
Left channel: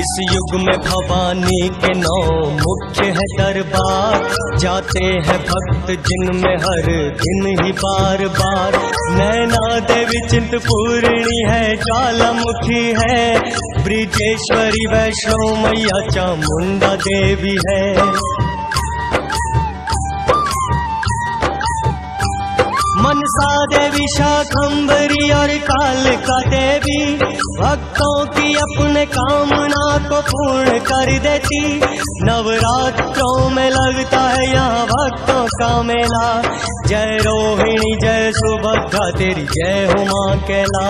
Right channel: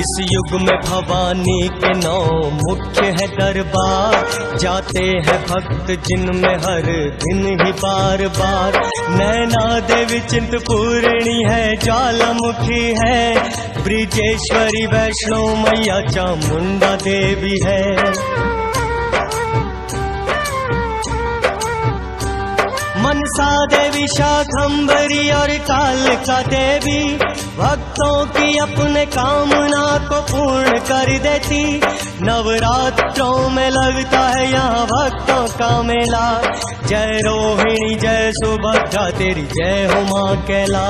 इस युग में भवानी के 9 मुख्य है दरबार, जाते हैं भक्त जिनमें हर दिन ही बार बार। नैना देवी चिंतपूर्णी है, ज्वालामुखी है, ब्रिजेश्वरी वैष्णो मैया चामुंडा देवी है। मनसा देवी, शाकंभरी और कालिका देवी भक्तों की अपने कामना को पूर्ण कर देती। नवरात्रों में लगता है यहाँ भक्तों का मेला। जय रोहिणी जय सुभद्रा तेरी जय हो माँ कैला।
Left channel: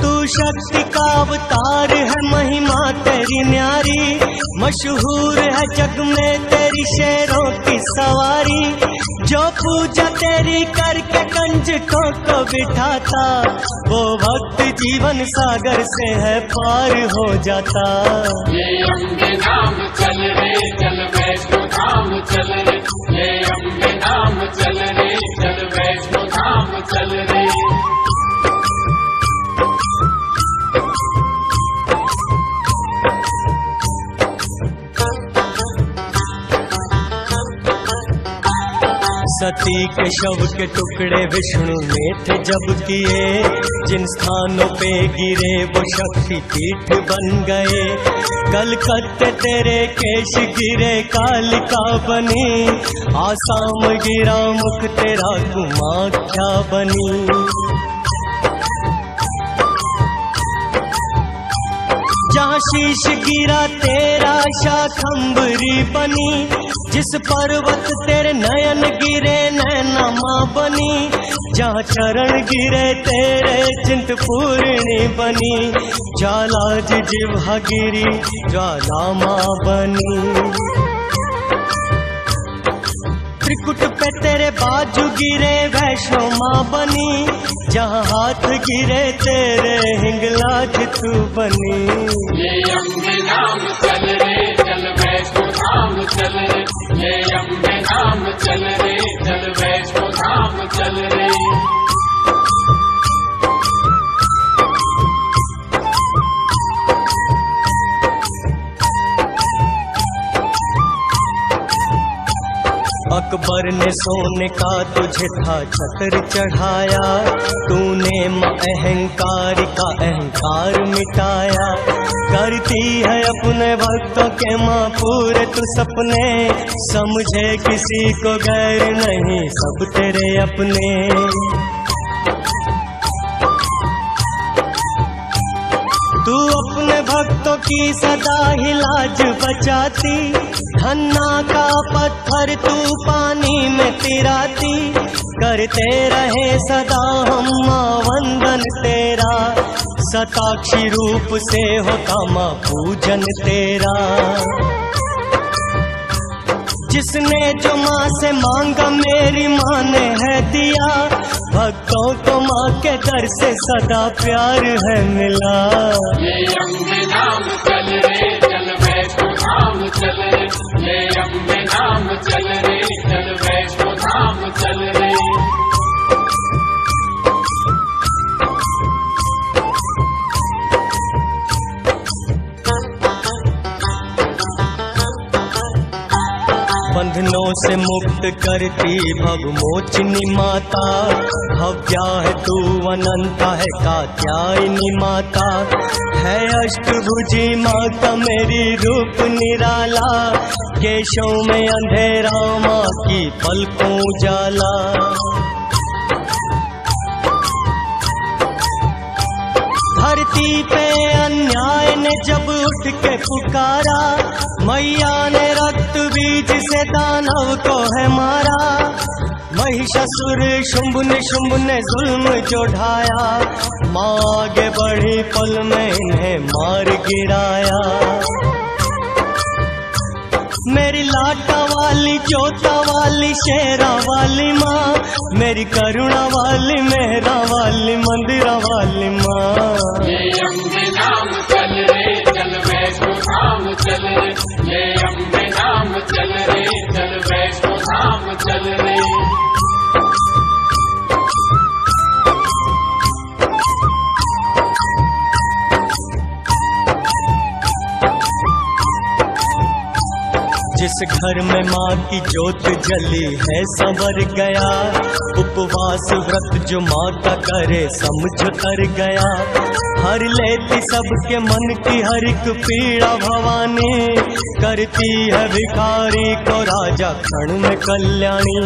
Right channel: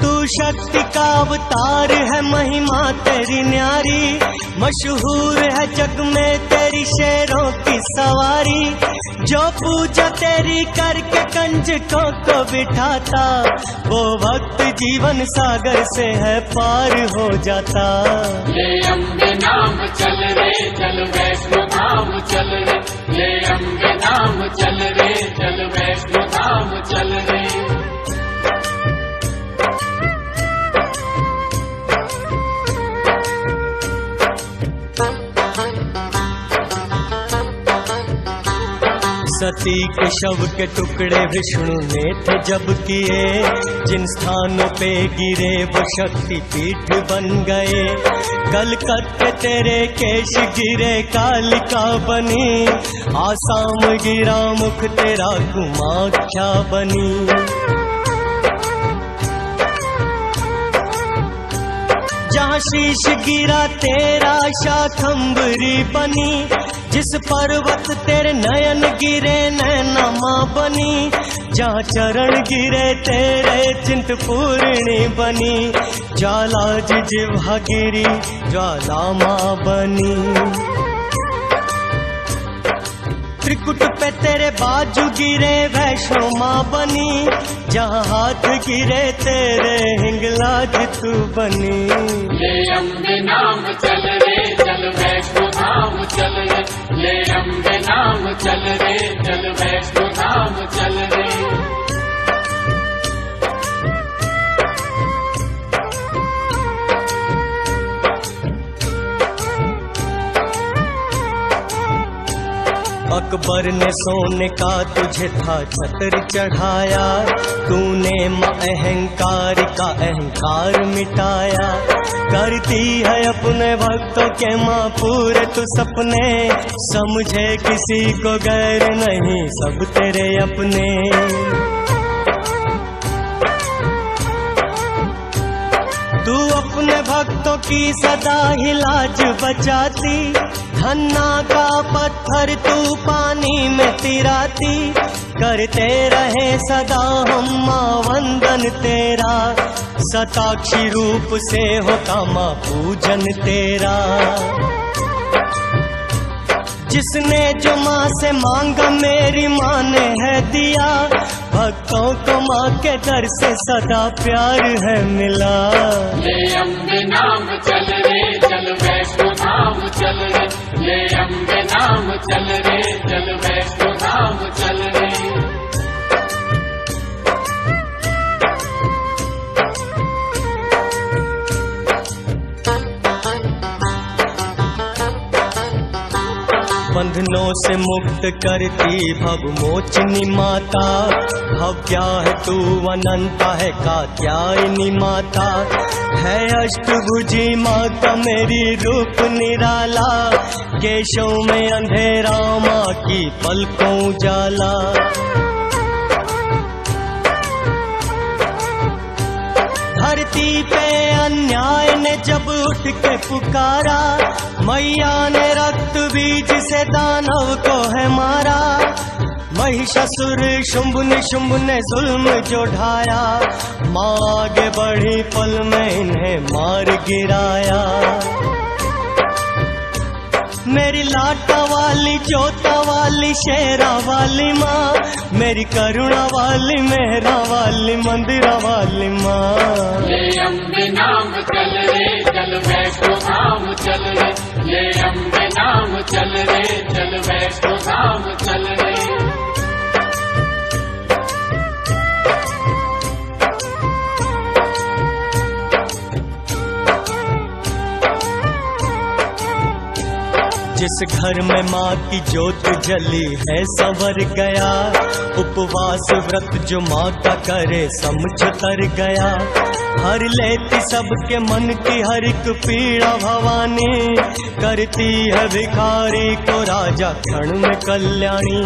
तू शक्ति का अवतार है, महिमा तेरी न्यारी, मशहूर है जग में तेरी शेरों की सवारी। जो पूजा तेरी करके कंजकों को बिठाता, वो भक्त जीवन सागर से है पार हो जाता। ये अम्बे नाम चल रे चल वैष्णो धाम चल रे, ये अम्बे नाम चल रे चल वैष्णो धाम चल रे। सती के शव के टुकड़े विष्णु ने थे जब किए, जिन स्थानों पे गिरे वो शक्ति पीठ बन गए। कलकत्ते तेरे केश गिरे कालिका बनी, आसाम गिरा मुख तेरा कुमाख्या बनी। जहाँ शीश गिरा तेरा शाकंभरी बनी, जिस पर्वत तेरे नयन गिरे नैना माँ बनी। जहाँ चरण गिरे तेरे चिंतपूर्णी बनी, ज्वाला जिह्वा गिरी ज्वाला माँ बनी। त्रिकुट पे तेरे बाजू गिरे वैष्णो माँ बनी, जहाँ हाथ गिरे तेरे हिंगलाज तू बनी। ये अम्बे नाम चल रे चल वैष्णो धाम चल रे, ये अम्बे नाम चल रे चल वैष्णो धाम चल रे। अकबर ने सोने का तुझे था छत्र चढ़ाया, तूने माँ अहंकार का अहंकार मिटाया। करती है अपने भक्तों के माँ पूरे तू सपने, समझे किसी को गैर नहीं सब तेरे अपने। तू अपने भक्तों की सदा ही लाज बचाती, धन्ना का पत्थर तू पानी में तिराती। करते रहे सदा हम माँ वंदन तेरा, सताक्षी रूप से होता माँ पूजन तेरा। जिसने जो माँ से मांगा मेरी माँ ने है दिया, भक्तों को माँ के दर से सदा प्यार है मिला। ये अम्बे नाम चल रे चल वैष्णो धाम चल रे, ये अम्बे नाम चल रे चल वैष्णो धाम चल रे। बंधनों से मुक्त करती भव मोचनी माता, भव्या है तू अनंता है कात्यायनी माता। है अष्टभुजी माता मेरी रूप निराला, केशों में अंधेरा माँ की पलकों उजाला। धरती पे अन्याय ने जब उठ के पुकारा, मैया ने रक्त बीज से दानव को है मारा। महिषासुर शुंभ ने जुल्म जो ढाया, माँ आगे बढ़ी पल में इन्हें मार गिराया। मेरी लाटा वाली जोता वाली शेरा वाली माँ, मेरी करुणा वाली मेहरा वाली मंदिरा वाली माँ। ये अम्बे नाम चल रे चल वैष्णो धाम चल रे, ये अम्बे नाम चल रे चल वैष्णो धाम चल रे। जिस घर में माँ की ज्योत जली है संवर गया, उपवास व्रत जो माँ का करे समझ तर गया। हर लेती सबके मन की हर एक पीड़ा भवानी, करती है भिखारी को राजा क्षण में कल्याणी।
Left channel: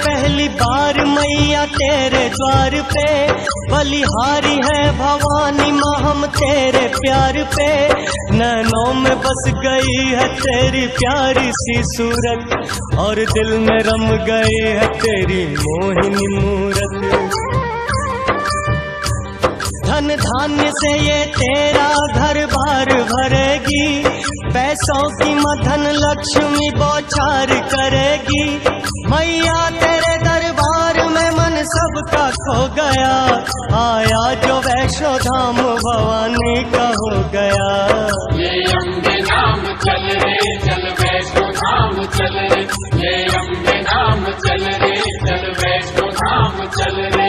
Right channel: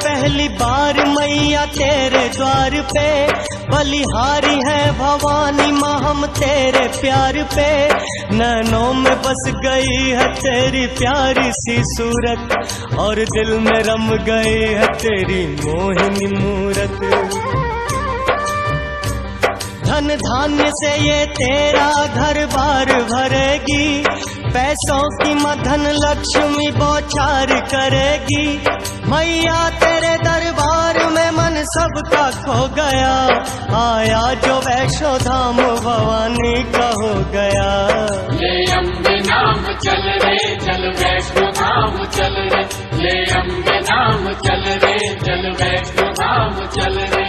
पहली बार मैया तेरे द्वार पे, बलिहारी है भवानी माँ हम तेरे प्यार पे। नैनों में बस गई है तेरी प्यारी सी सूरत, और दिल में रम गई है तेरी मोहिनी मूरत। धन धान्य से ये तेरा घर बार भरेगी, पैसों की मधन लक्ष्मी बौछार करेगी। मैया तेरे दरबार में मन सबका खो गया, आया जो वैष्णो धाम भवानी का हो गया। ये अम्बे नाम चल रे चल वैष्णो धाम चल रे, ये अम्बे नाम चल रे चल वैष्णो धाम चल रे।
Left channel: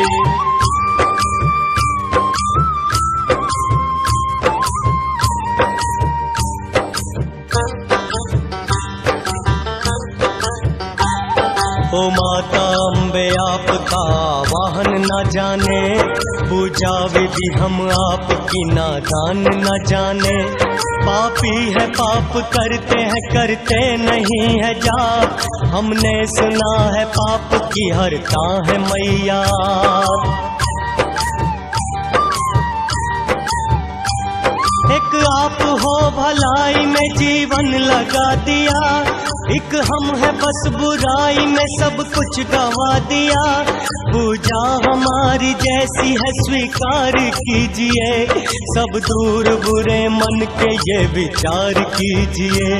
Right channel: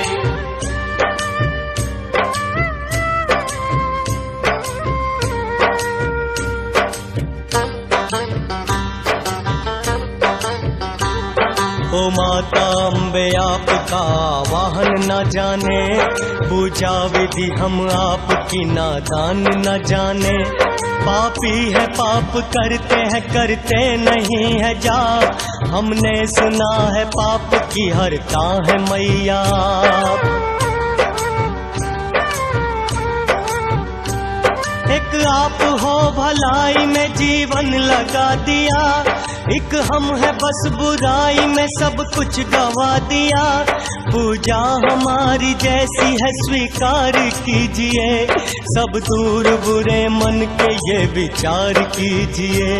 ओ माता अम्बे आपका वाहन न जाने, पूजा विधि हम आपकी नादान न जाने। पापी है पाप करते नहीं है जाप, हमने सुना है पाप की हरता है मैया। एक आप हो भलाई में जीवन लगा दिया, एक हम है बस बुराई में सब कुछ गवा दिया। पूजा हमारी जैसी है स्वीकार कीजिए, सब दूर बुरे मन के ये विचार कीजिए।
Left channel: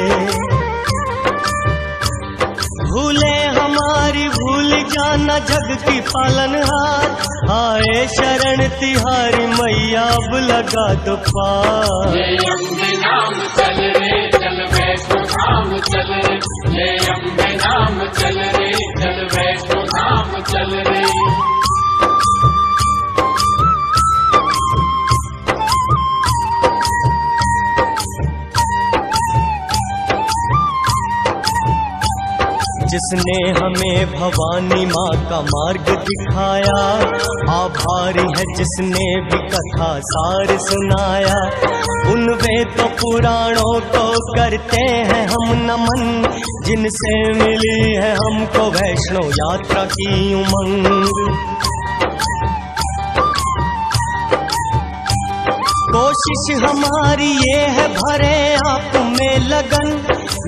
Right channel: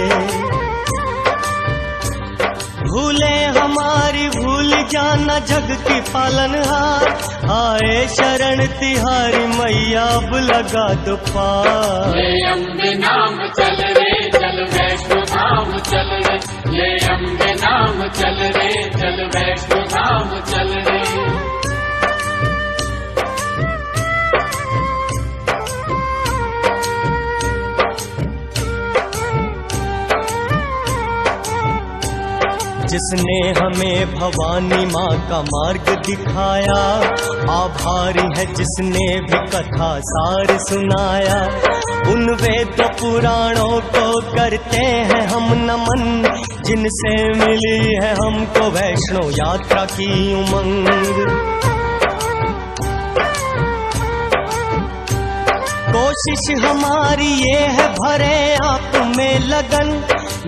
भूले हमारी भूल जाना जग की पालनहार, आए शरण तिहारी मैया अब लगा दो पार। ये अम्बे नाम चल रे चल वैष्णो धाम चल रे, ये अम्बे नाम चल रे चल वैष्णो धाम चल रे। जिसने हमें भवानी माँ का मार्ग दिखाया, आभारी है जिसने भी कथा सार सुनाया। उन वेद पुराणों को करते हैं हम नमन, जिनसे मिली है हमको वैष्णो यात्रा की उमंग। कोशिश हमारी ये है भरे आप में लगन,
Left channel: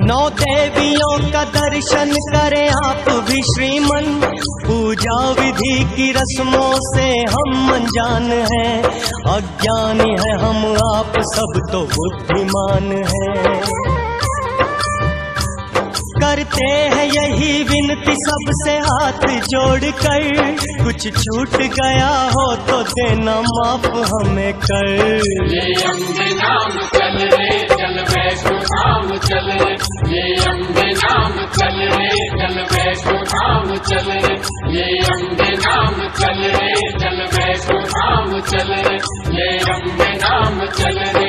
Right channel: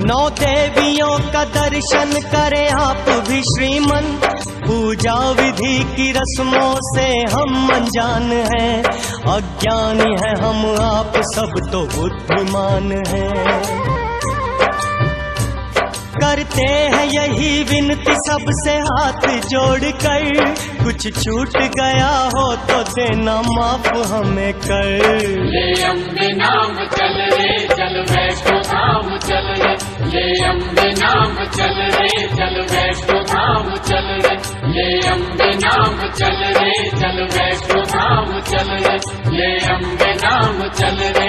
9 देवियों का दर्शन करें आप भी श्रीमन। पूजा विधि की रस्मों से हम अनजान हैं, अज्ञानी है हम आप सब तो बुद्धिमान हैं। करते हैं यही विनती सबसे हाथ जोड़कर, कुछ छूट गया हो तो देना माफ हमें कर। ये अम्बे नाम चल रे चल वैष्णो धाम चल रे, ये अम्बे नाम चल रे चल वैष्णो धाम चल रे, ये अम्बे नाम चल रे चल वैष्णो धाम चल रे, ये अम्बे नाम चल रे।